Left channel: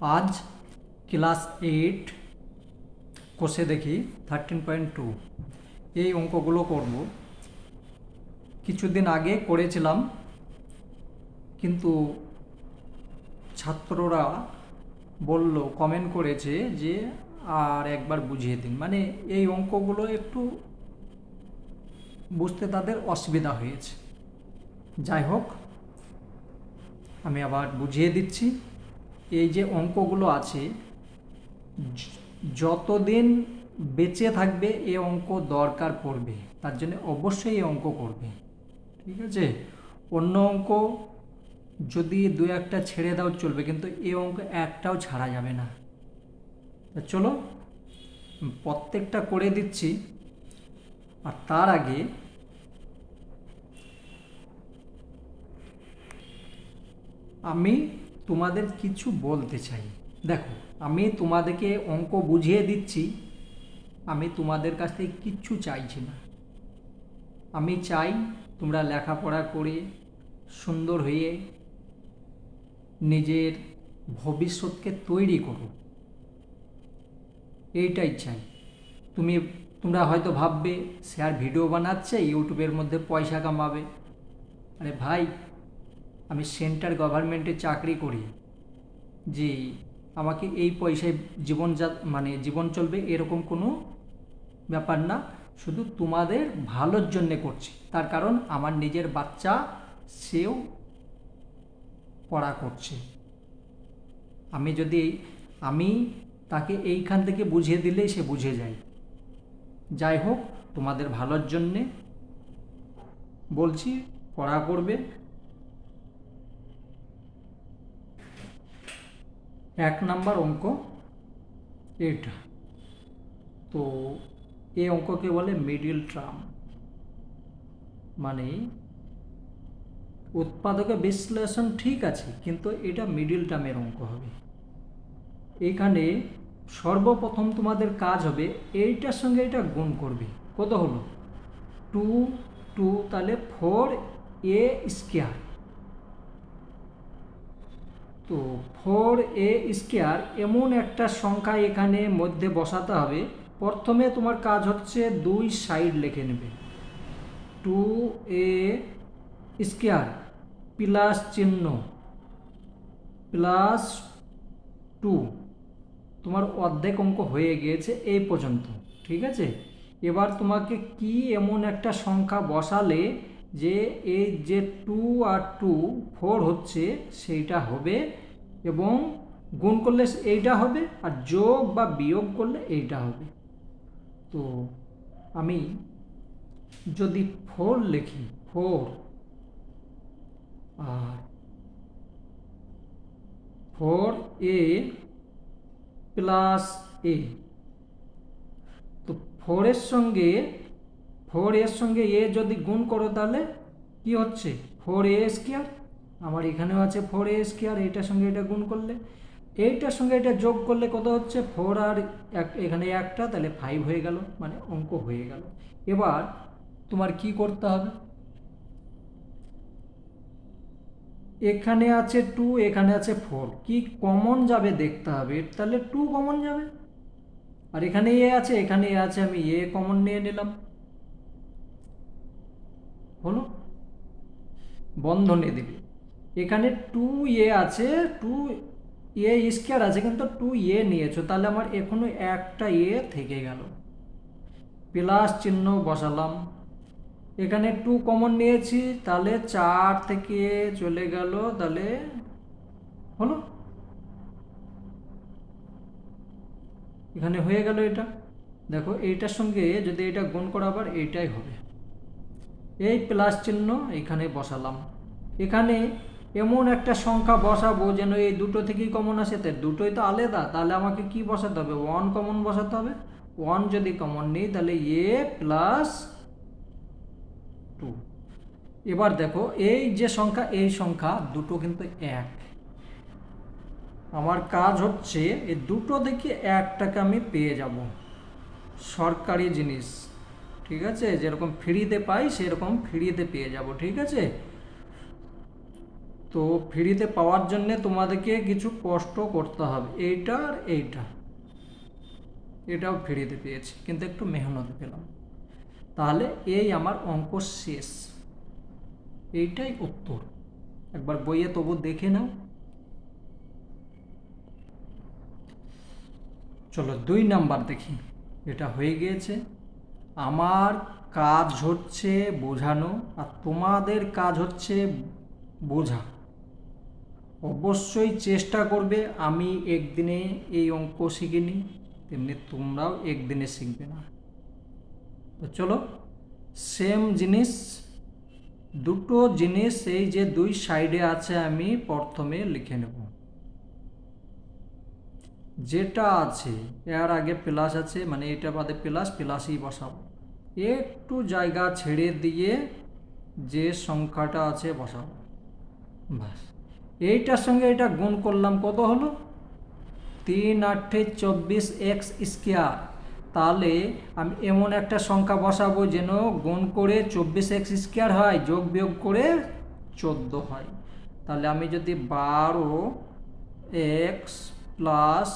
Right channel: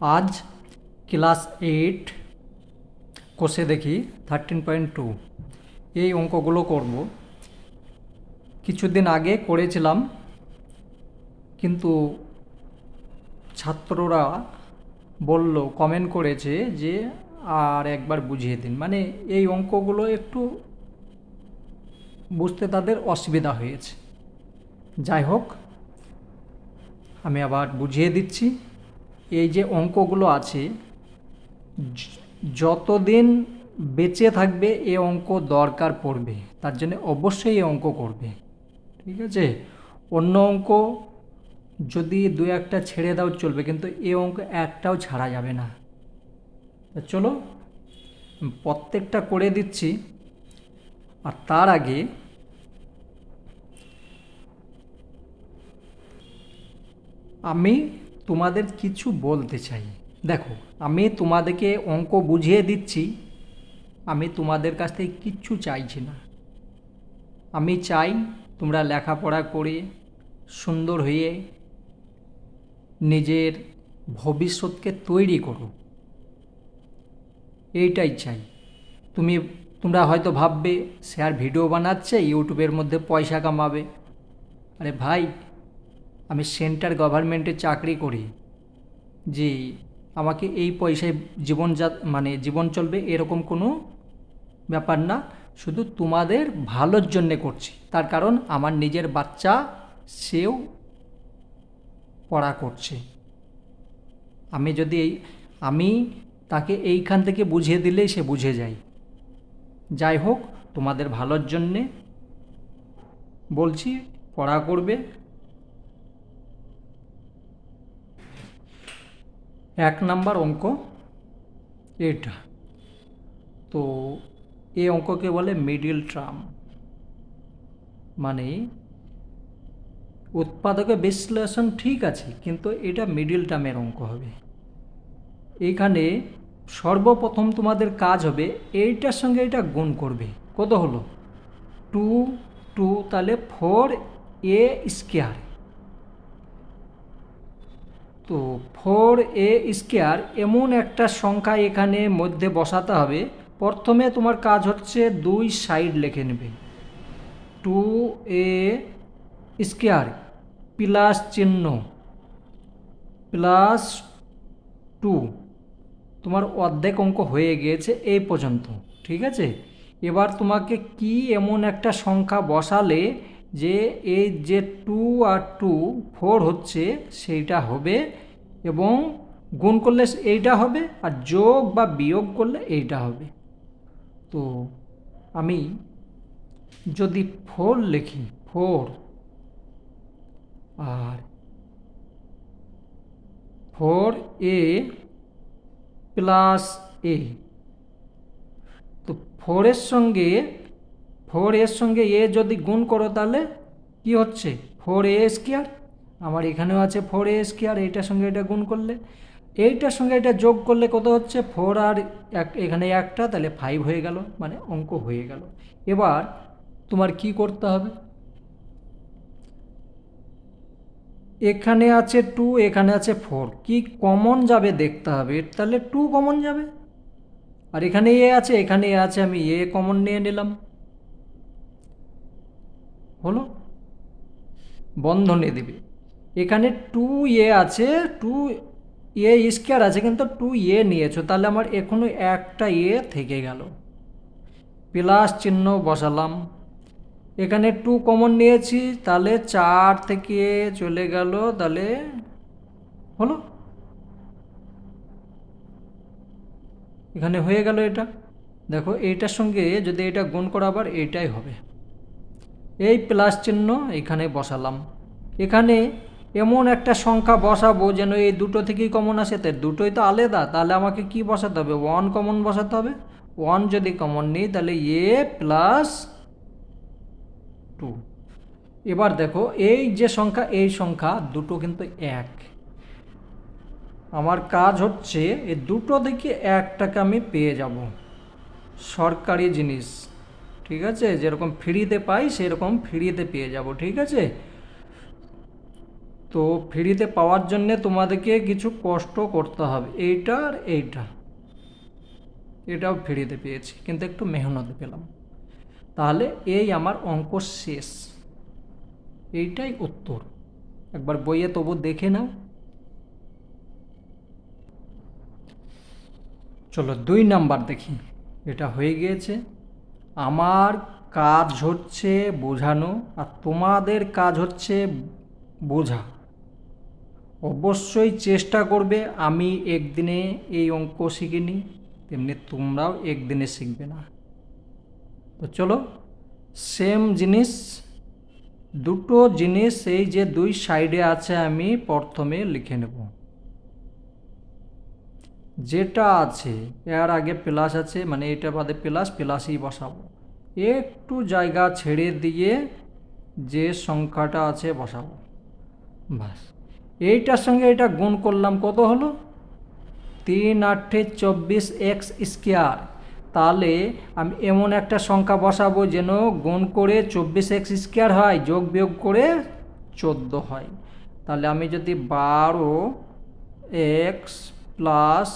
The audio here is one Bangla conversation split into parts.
আজ ক্লাস 8 কোষে দেখি 13.2 এই অঙ্কগুলো করব। কিছুদিন আগে করেছিলাম, কিন্তু ছাত্ররা বলল, কমেন্ট করেছে যে আর একবার বুঝিয়ে দিন। মানে এই অঙ্কগুলো একটু বুঝতে তাদের অসুবিধা হয়েছে। যাই হোক, আমি আবার বুঝিয়ে দিচ্ছি। এই যে অঙ্কগুলো আছে, যতদিন বেঁচে থাকবে এ অঙ্ক দরকার পড়বে, তার জন্য অবশ্যই এই অঙ্ক করবে। ঠিক আছে? অন্য অঙ্ক যদি দু একটা ছেড়ে দাও চলবে, কিন্তু এই অঙ্ক একটাও ছাড়া যাবে না। তো চলো, প্রত্যেকটা করে দিচ্ছি। আর তার আগে আমি তোমাদের কিছু বলতে চাই। দেখো, আমি তোমাদেরকে অঙ্ক বুঝিয়ে দিচ্ছি, আমি তোমাদের কাছ থেকে কিচ্ছু চাইছি না। আমি চাই তোমরা লেখাপড়া করে সুন্দর হয়ে নিজের ভবিষ্যৎকে তৈরি করো, এইটাই চাই। তোমরা হয়তো ভাববে, স্যার ভিডিও বানাচ্ছে, ইউটিউবের মধ্যে পয়সা কামাবে। আরে ভাই, আমি সেন্ট্রাল গভর্নমেন্টে চাকরি করি, যে আমাকে এই পয়সায় জীবন চলবে এরকম কোনো ব্যাপার না। শুধু তোমাদের ভালোর জন্যে করছি। তার কারণ আমার নিজের বাচ্চা, সেও পড়া করছে। আমি তাকে এইখান থেকে বুঝিয়ে দিলেই সে বুঝে যায়। যাই হোক, তোমাদের ভালোর জন্যে বলছি, পড়া করবে। 1 নম্বর অঙ্ক এটা। তো এই অঙ্ককে বলে মিডিল টার্ম, মানে উৎপাদকে বিশ্লেষণ ঠিক আছে, কিন্তু এটা মিডিল টার্মের অঙ্ক হবে। এইখানে সর্বপ্রথম তোমাদের কাজ হবে এইটার সঙ্গে এটা গুণ করবে। কত হলো? 2 তাহলে 4a²। তো 4a² এমন একটা সংখ্যা এখানে মধ্যে বসাতে হবে। প্রথমে তোমার কাজ হচ্ছে দুই সাইড লিখে নেবে। 2a² প্লাস চিহ্ন প্লাস 2। তোমার অর্ধেক অঙ্ক হয়ে গিয়েছে এই পর্যন্ত। ঠিক আছে? এবার তোমাকে কি এমন একটা সংখ্যা বসালে যে এই যে 2 আর 2 4 হচ্ছে, সেইটা হবে, এবং গুণ করলে এইটা হবে, আর যোগ বা বিয়োগ করলে এইটা হবে। তো আমি যদি 4 লিখি, 4 আর 4a+a, তো 4 এর সঙ্গে এ যদি গুণ করো তাহলে কি হচ্ছে? 4a²। আমার এখানেও আছে 4a², এইটার সঙ্গে এটা গুণ করলে, এইটার সঙ্গে এটা যোগ করলে কত হচ্ছে? 4 আর এখানে একটা, তাহলে 5 হয়ে গেল, মানে অঙ্ক হয়ে গেল। এবার তোমার কি করতে হবে? এখানে আছে 2, এখানে আছে 4, কি কমন যাবে দেখতে হবে। তাহলে 2 কমন যাবে, আর এখানে এ আছে, এখানে এ আছে, আমি এ কমন নিয়ে নিলাম। হলো? বন্ধনী দিবে। এখানে 2a আছে, 2a² আছে, কিন্তু 2a নিয়েছো, তাহলে আমার এখনো একটা এ থেকে গেল। প্লাস চিহ্ন বসালাম। এখানে 2 কমন নিয়েছি, তাহলে 4 থেকে চলে গেল, তাহলে হলো, এখানে হয়ে গেল এটা। দেখো, এইটার সঙ্গে যদি এটা গুণ করা, আবার এইটাই হবে। এই প্লাস চিহ্ন এখানে বসালাম। এখানে এমন একটা সংখ্যা বসাবো যেন এই দুটো থেকেই কমন আসে। তাই দুটোই তো আলাদা, তাহলে আমাকে কি বসাতে হবে? 1 কমন বসাতে হবে। 1 যদি কমন নিই, তাহলে a+2। এবার দেখো, এই যে সংখ্যা, এই সংখ্যা দুটো কিন্তু এক। আমার কাজ হচ্ছে এই দুটো থেকে একটাকে আমি পেয়ে যাব। সরকারি জিনিস, ঠিক আছে? যেরকম ফ্রিতে পাই সেরকম ফ্রিতে পেয়ে যাব। ঠিক আছে? তো ফ্রিতে পাওয়ার জন্যে তোমাদেরকে কিছু কষ্ট করতে হবে, এইটা আর এইটা, এটাও ফ্রিতে পেয়েছি কিন্তু একটু মেহনত পেলাম। তাহলে এই আমার অঙ্ক শেষ, এইটাই উত্তর। একবার বইয়ে তবু দেখে নাও। চলো 2 নাম্বার দেখি। এটা হয়ে গিয়েছে। আমার কাজ হচ্ছে বোঝানো আর তোমাদের কাজ হচ্ছে বোঝা। অবশ্যই চেষ্টা করবে, আমি একদিনে এই অঙ্ক শিখিনি তেমনি তোমরাও একদিনে শিখবে না। তো চলো, সেম জিনিস, দুটো জিনিস এই যে 2 সাইডে আছে আমি প্রথমে লিখে নেব। যেটা আছে এর আগে প্লাস আছে, মানে এটা বাদে প্লাসই বসাবো। একটু জায়গা ছেড়ে দিয়ে যে সংখ্যাটা আছে বসাবো, বাস। এইটার সঙ্গে এটা গুণ করলাম, কত হলো? 3×8=24x²। তাহলে আমি এমন একটা সংখ্যা বসাবো যেন গুণ করে 24x² হয়, যোগ বিয়োগ করে 14 হয়। তাহলে আমি যদি 12x প্লাস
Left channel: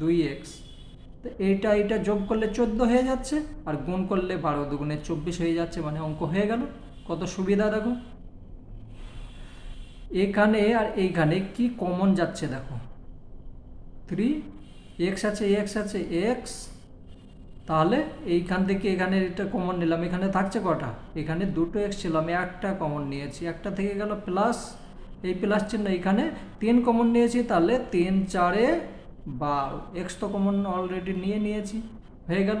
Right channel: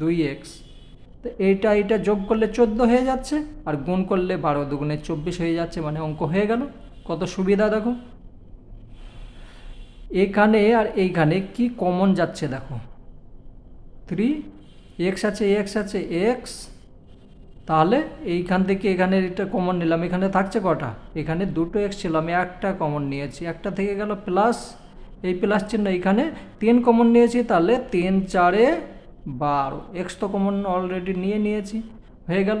2x, তো এইটা যোগ করলে 14 হয়ে যাচ্ছে, আর গুণ করলে 12×2=24 হয়ে যাচ্ছে, মানে অঙ্ক হয়ে গেল। কত সুবিধা দেখো। এখানে আর এইখানে কি কমন যাচ্ছে দেখো, 3x আছে, x, তাহলে এইখান থেকে এখানে এটা কমন নিলাম, এখানে থাকছে কটা? এখানে 2x ছিল, আমি একটা কমন নিয়েছি, একটা থেকে গেল প্লাস, এই প্লাস চিহ্ন, এখানে 3 কমন নিয়েছি, তাহলে 3×4=12, এক্স তো কমন অলরেডি নিয়েছি, হয়ে গেল।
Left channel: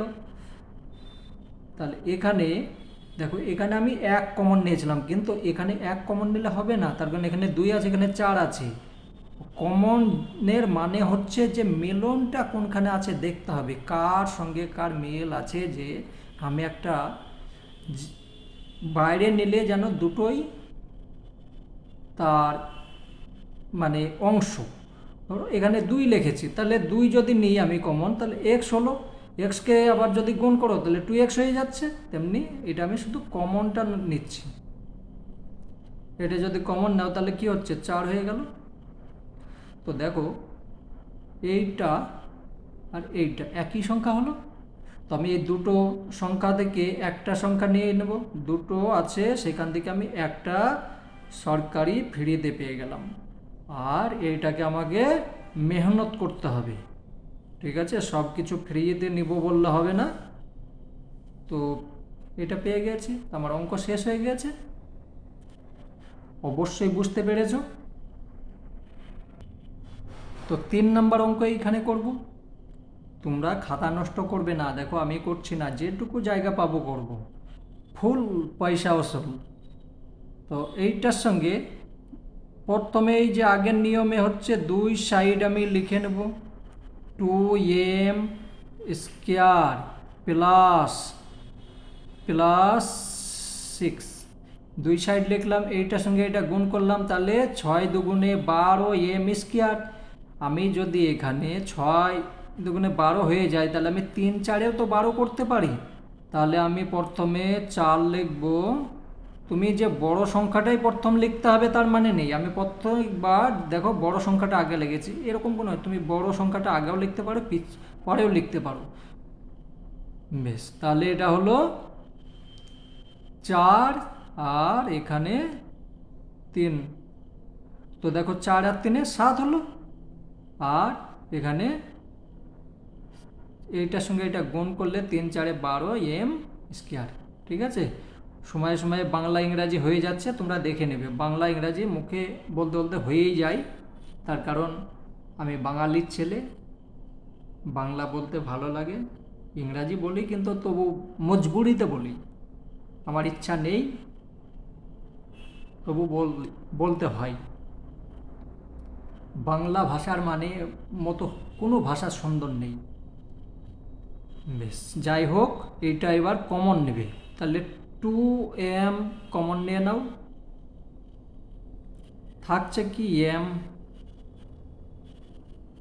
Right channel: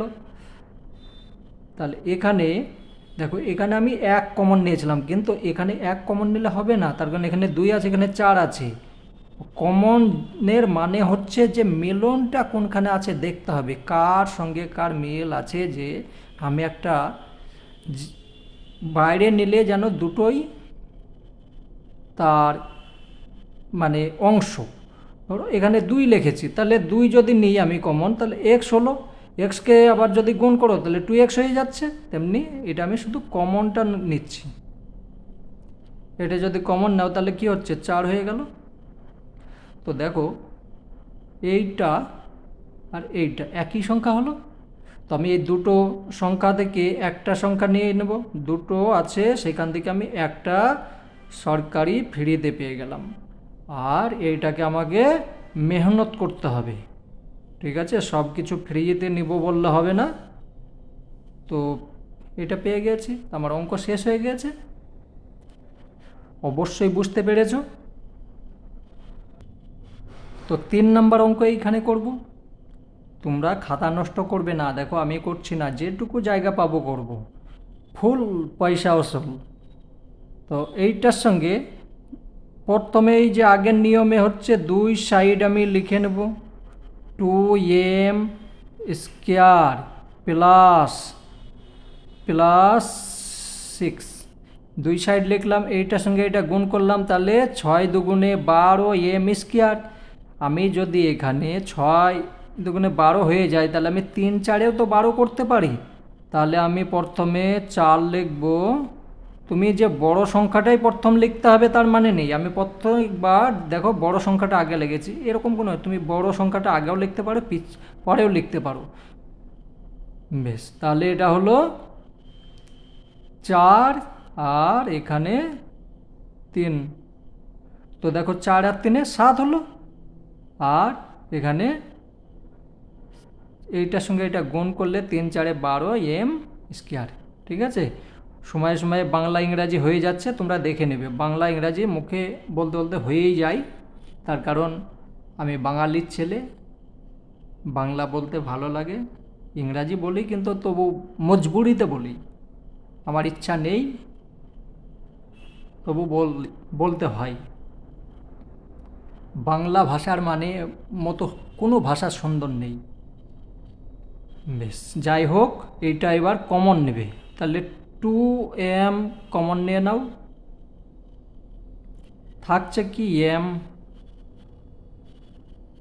তাহলে এখানে দেখো, এখানে আমি 1 কমন নিয়েছিলাম, কিন্তু এখানে 1 কমন নিলে হবে না, তার কারণ এখানে 2 আছে, এখানে 4 আছে। কমনের মানে হচ্ছে যে মিলনটা কোনখানে আছে দেখতে হবে, কার সঙ্গে কার মিল আছে, যে আমি একটা বাইরে নিলে যেন দুটোই তার মানে অংশ। ধরো এখানে 2 লিখেছি, তাহলে 2 যদি নিই আমি কমন, তাহলে এক্স হলো, এক্সকে আবার যদি গুণ করো তাহলে 2x হয়ে যাচ্ছে। তেমনি এটা আমি শুধু কমনটা নিচ্ছি, এটা যদি কমন নাও তাহলে কি হচ্ছে, 4 হয়ে গেল। তো দেখো, এইটা আর এইটা একই সংখ্যা হলো। তো আমি এই দুটো সংখ্যা থেকে একটা সংখ্যা নিয়ে নেব, দুটো আছে সেখান থেকে আমি একটা সরকারি ফ্রিতে পেয়ে গেলাম, আর এইটাকে আমাকে মেহনত করতে হবে। ঠিক আছে, সব কিছু ফ্রিতে নিব বললে হবে না। তো এটা পেয়ে গেছি, আমার অঙ্ক শেষ হয়ে গেছে। অবশ্যই বুঝতে পেরেছো। তো 3 নম্বর অঙ্ক এইখানে করব। তোমরা খাতা নষ্ট করবে না, দেখো আমি করছি না, যেটুকু জায়গা পাবো করব, ফুল পয়সা ওসুল। তো এইটার সঙ্গে প্রথমে এই যে আগের নিয়মে হচ্ছে 2 সাইড আমি লিখে নেব, 2m² প্লাস 6, 2 সাইড লিখলাম, এইটার সঙ্গে এটা গুণ করলাম, তাহলে 6×2=12m²। আমি যদি এখানে 6×2=12 হয়ে যায়, তাহলে আমি 3×4-এও তো 12 করতে পারি। তাহলে আমি প্রথমে 4 লিখব। তুমি যে বড় সংখ্যাটাই প্রথম লিখতে হবে তার মানে নেই, আমি প্রত্যেকবার দেখো বড় সংখ্যাটা আগে লিখেছি, এরকম কোনো, তুমি বড় সংখ্যাটা আগেও লিখতে পারো, পরেও লিখতে পারো। বেশ, তাহলে এটা হলো 4 আর এখানে 3। তো দেখো 4 আর 3 7 হলো, আর এখানে এইটার সঙ্গে এটা গুণ করলে 3×4=12m²। ঠিক আছে, সময়ে সময়ে বাংলা ইংরাজি হয়ে যাচ্ছে, তোমরা দেখে নেবে। বাংলা ইংরাজি মুখে বলতে বলতে হয়েই যায়, তার কারণ আমি বাঙালির ছেলে, বাংলা বলতে ভালো লাগে। ইংরাজি বলি কিন্তু তবু মজবুরিতে বলি, আমার ইচ্ছা নেই, তবু বলতে হয়। বাংলা ভাষার মানে মতো কোনো ভাষা সুন্দর নেই। বেশ, যাই হোক, এইটা এবার কমন নেবে, তাহলে 2m কমন নিয়ে নাও, থাকছে কি m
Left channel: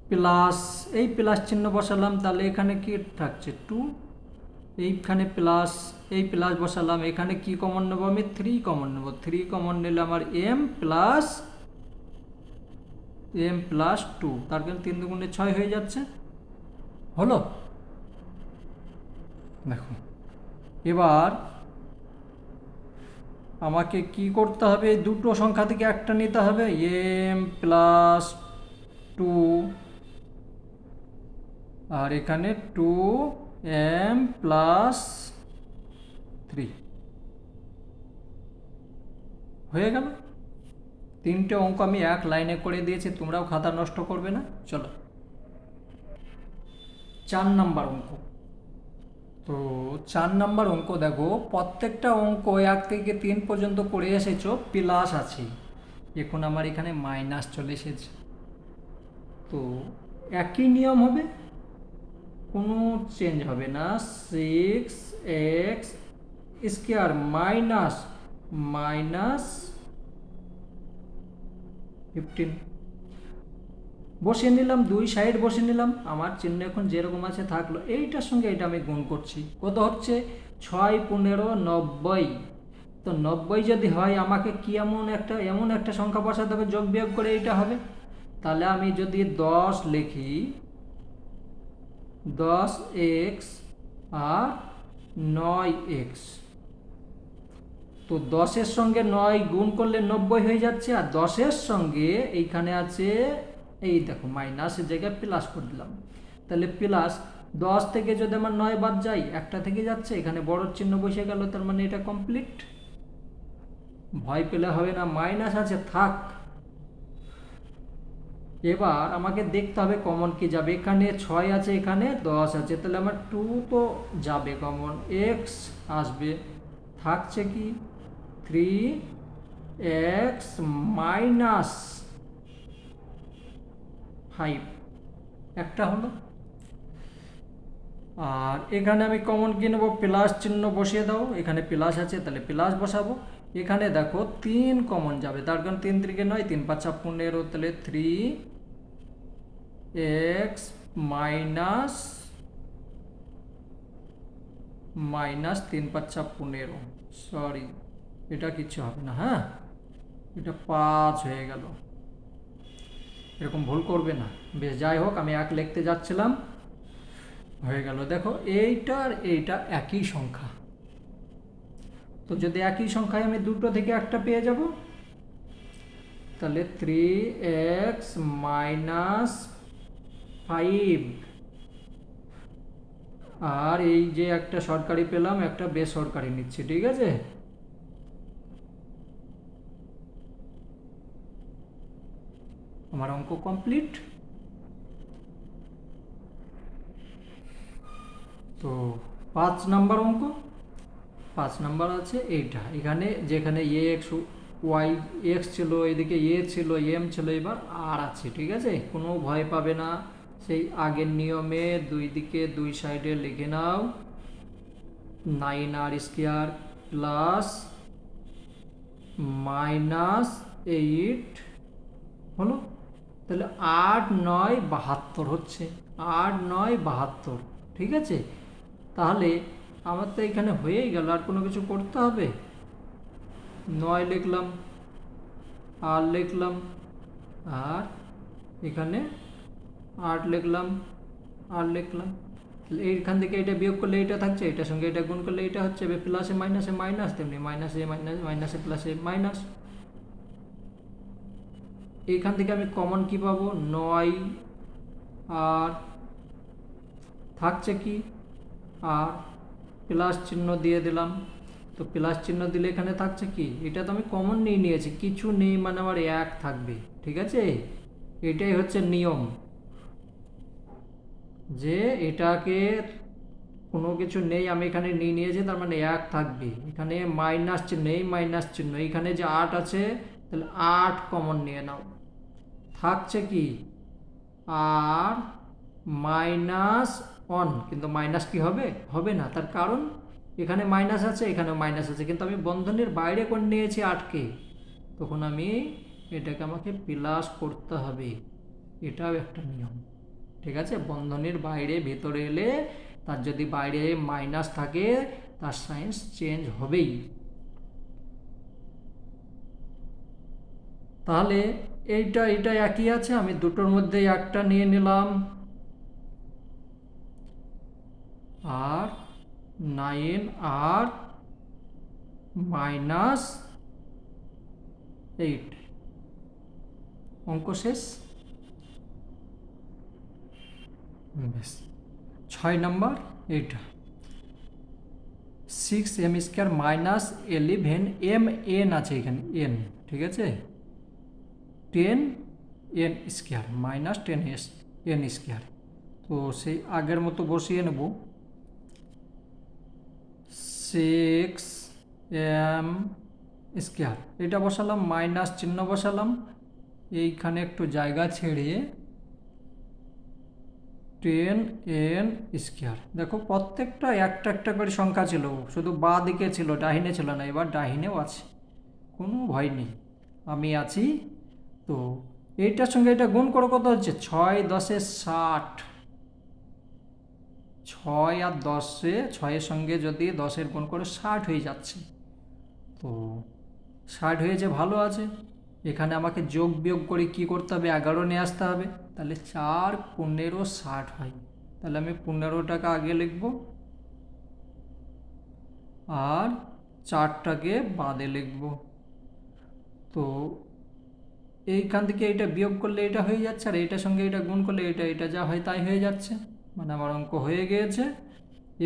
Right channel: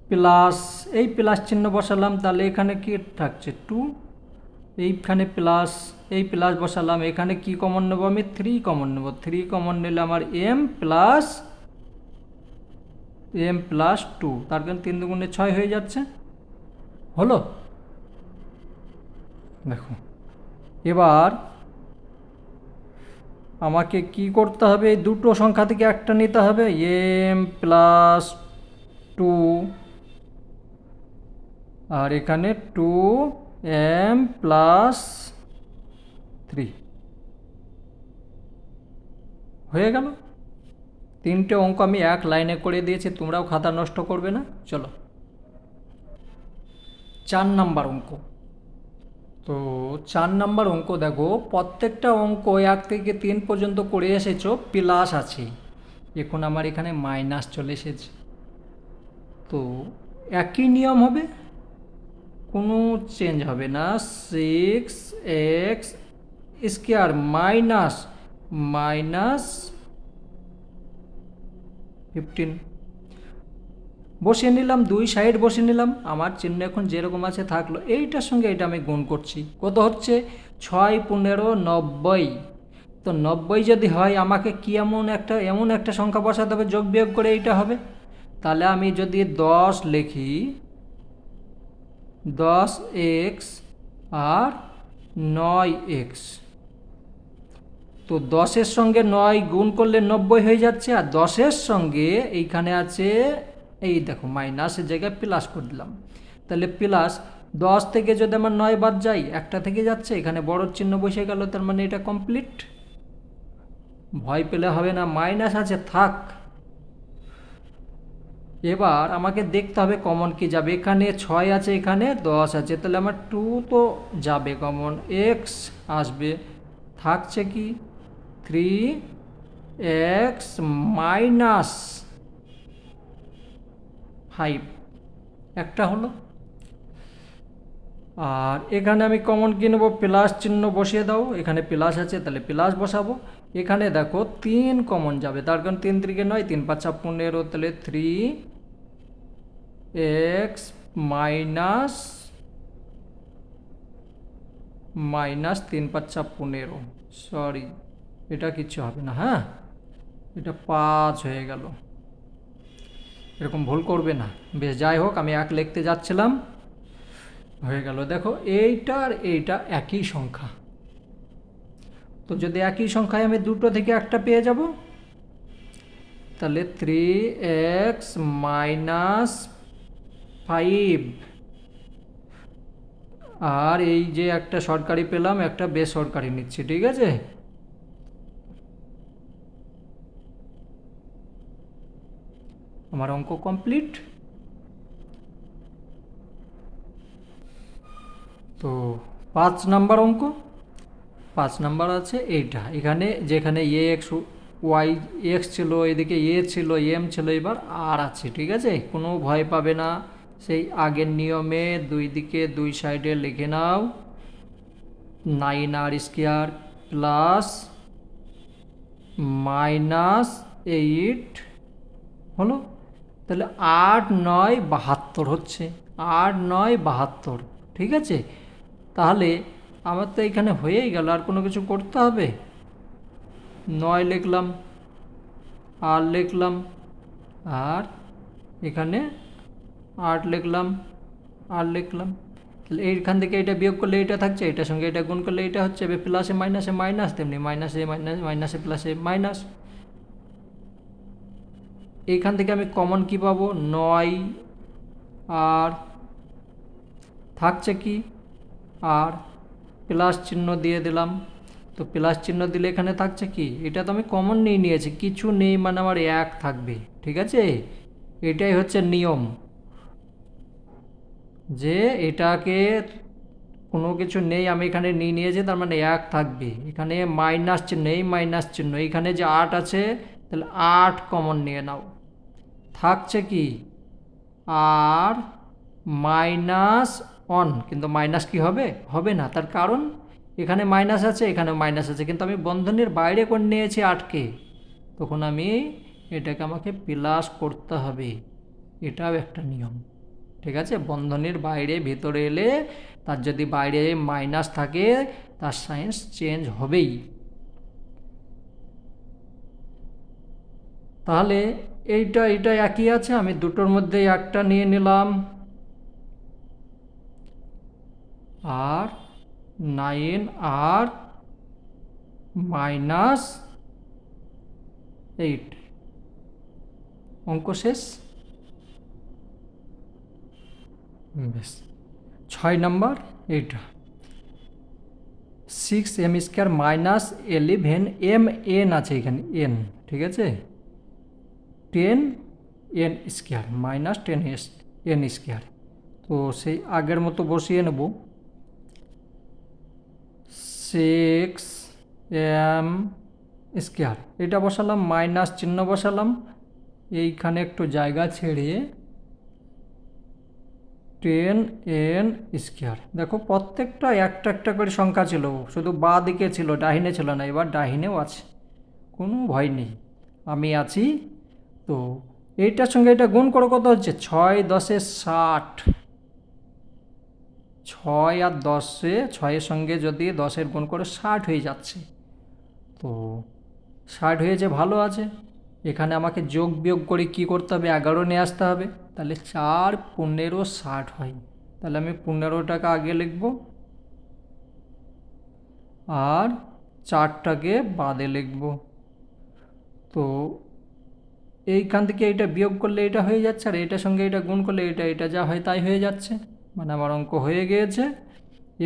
প্লাস, এই প্লাস চিহ্ন বসালাম, তাহলে এখানে কি থাকছে 2, এইখানে প্লাস, এই প্লাস বসালাম, এখানে কি কমন নেব আমি? 3 কমন নেব। 3 কমন নিলে আমার m+2, তার কারণ 3 দুগুণে 6 হয়ে যাচ্ছে। হলো? দেখো এবার আমাকে কি করতে হবে? দুটো সংখ্যা থেকে একটা নিতে হবে, m+2, আর এখানে 2m+3 হয়ে গেল। তিনটে অঙ্ক আমি এক লাইনে করে দিয়েছি, তোমরাও খাতা নষ্ট করবে না। চলো 4 নাম্বার অঙ্ক। তো 4 নাম্বার অঙ্ক দেখো, প্রত্যেকটা অঙ্ক 1 থেকে 3 পর্যন্ত করে এসেছো, প্লাস আছে, এখন আমার এখানে মাইনাস চলে এসেছে। তো একই নিয়ম হবে, কোনো চেঞ্জ হবে না। 6x² মাইনাস মাইনাস 15 বসিয়ে নিলাম, দুই সাইড বসিয়ে নিলাম। আমার চিহ্ন এখন যেরকম আছে থাকলো, এইটার সঙ্গে এটা আমি গুণ করছি। কত হচ্ছে? 6 15 90। তো 90 যদি হয় আমাকে কি এমন একটা সংখ্যা বসাতে হবে, যোগ বিয়োগ করে এইটা হবে। তাহলে আমি যদি 10 লিখি, 10x আর 9x, তো 10-এর সঙ্গে 9 গুণ করলে 90 হয়ে যাচ্ছে। আর 10-এর সঙ্গে এইখানে আছে, এই দেখো মাইনাসের জায়গায় প্লাস করে দিলাম, তাহলে প্লাস 10 থেকে যদি আমার 9 বাদ যায়, একটা থেকে যাচ্ছে, এখানে বড় চিহ্ন বসে গেল, তার মানে এটা কমপ্লিট। ভয় পেলে হবে না, মাইনাস আছে থাক। এবার আমাকে দেখতে হবে কমন কি যাবে। এখানে 6 আছে, এখানে 10 আছে, তাহলে আমার 2 তো যাবে কমন, এক্স আসবে, থাকছে কি 3x মাইনাস 5, একটা হলো। আর এখানে আমি কমন কি নেবো? প্লাস চিহ্ন বসিয়ে দাও, এখানে প্লাস আছে তাহলে প্লাস বসাবো। এখানে দেখো 3 কমন যাবে, তার কারণ 3 3 9, 3 5 15, তাহলে 3x মাইনাস মাইনাস 3 5 15, সরি এটা কিচ্ছু হবে না, হ্যাঁ এটা 5 হয়ে গেল। এরকম ভুল করবে না। বেশ, যাই হোক, আমি 1 লিখতে যাচ্ছিলাম, হয়ে গেল। দেখো এইটা আর এইটা একই সংখ্যা, তো যদি একই সংখ্যায় আমি দুটো থেকে একটা পেয়ে যাব, তাহলে 3x মাইনাস 5, আর এই যে একটা সরকারি পেলাম, একটা বেসরকারি নিচ্ছি, ঠিক আছে। আমার অঙ্ক কমপ্লিট। তো 5 নাম্বার অঙ্ক, 5 নাম্বার আছে এইটা, এখানে যেখানে এক্স ছিল, এদিকে ছিল, এম ছিল, এবার আর আছে, ঠিক আছে। কোনো ভয় পাবে না, সেই আগের নিয়মে দুই দিকে দুই সাইডে লিখে নাও, 9r² প্লাস -8 হলো। তাহলে 8 9 72 হচ্ছে, 8 9 72, ঠিক আছে। তাহলে আমার তো এখানে হয়েই গেল, আর কোনো কিছু করতে হবে? 9 লিখলাম, আর লিখলাম, আর এখানে 8 লিখলাম, আর লিখলাম। তাহলে এইখান থেকে এটা বিয়োগ করলে এটা থাকছে, এটার সঙ্গে এটা গুণ করলে এটা হচ্ছে, প্লাসে মাইনাসে মাইনাস, তেমনি মাইনাসে মাইনাস, মাইনাসে প্লাসে মাইনাস। এইখান থেকে আমি কমন কি পাবো? 9, আর থাকছে কি, আর প্লাস চিহ্ন দিয়ে দিলাম। তো প্লাস চিহ্ন দিলে এখানে থাকছে কি, এটা তো আমি কমন নিয়ে নিয়েছি, কিছু নেই মানে আমার 1 থাকবে, ঠিক আছে। এটাই হচ্ছে নিয়ম, যে এটাকে কোনো কিছু নেই, আমি এখানে নিয়ে নিয়েছি, তার মানে 1 থাকবে। এখানে মাইনাস চিহ্ন, এই মাইনাস চিহ্ন, এখানে যে 8 আছে, তাহলে 8 কমন নিয়ে নাও, থাকছে কি, আর -1, কিন্তু মাইনাস কি হবে? হবে না, তার কারণ এখানে মাইনাস আছে, এখানে মাইনাস আছে, কিন্তু আমি বন্ধনীর বাইরে করে নিয়েছি 8কে, তখন আমি এটাকে আমাকে প্লাস করতে হবে, এটাও একটা নিয়ম, ঠিক আছে। বন্ধনীর বাইরে ভেতরে এলে তার যদি বাইরে মাইনাস থাকে, তার সায়েন্স চেঞ্জ হবেই। তাহলে এইটা একই আছে, আমি দুটোর মধ্যে একটা নিয়ে নিলাম, আর 9r -8, অঙ্ক শেষ। বেশ, 6 নম্বর এইটা 6m² -11m আছে এখানে n, ঠিক আছে, 10n² -10n²। তো সেই আগের মতো বসিয়ে নেব, 6m², এটা বসালাম, মাইনাস চিহ্ন বসালাম, এইখানে একটু জায়গা ছেড়ে 10n²। দেখো প্রত্যেকটা একটা একটা করে সংখ্যা ছিল, শুধু বাঁ দিকে ছিল, ডাহিনে ছিল না, এবার ডাহিনেও আছে, কোনো ভয় নেই, আমি আছি। তো এইটার সঙ্গে এটা গুণ করো, কত হচ্ছে 6 10 60, 6 আর 10, 6-এর সঙ্গে যদি 10-এর গুণ করে 60 হয়ে যাচ্ছে। তো 60 হয়েছে, ভালো আছে। এখানে আমাকে যোগ বিয়োগ করে কি করতে হবে, 11 নিয়ে আসতে হবে, তাহলে 4 15 60 হয়, তাহলে আমি 15টাকে আগে লিখব আর 4টাকে বাদে লিখব। তো এইখান থেকে এটা বিয়োগ করলে এটা হয়ে যাচ্ছে, আর এটার সঙ্গে এটা গুণ করলে এটা যা হয় তাই হয়ে যাচ্ছে, মানে আমার অঙ্ক হয়ে গিয়েছে।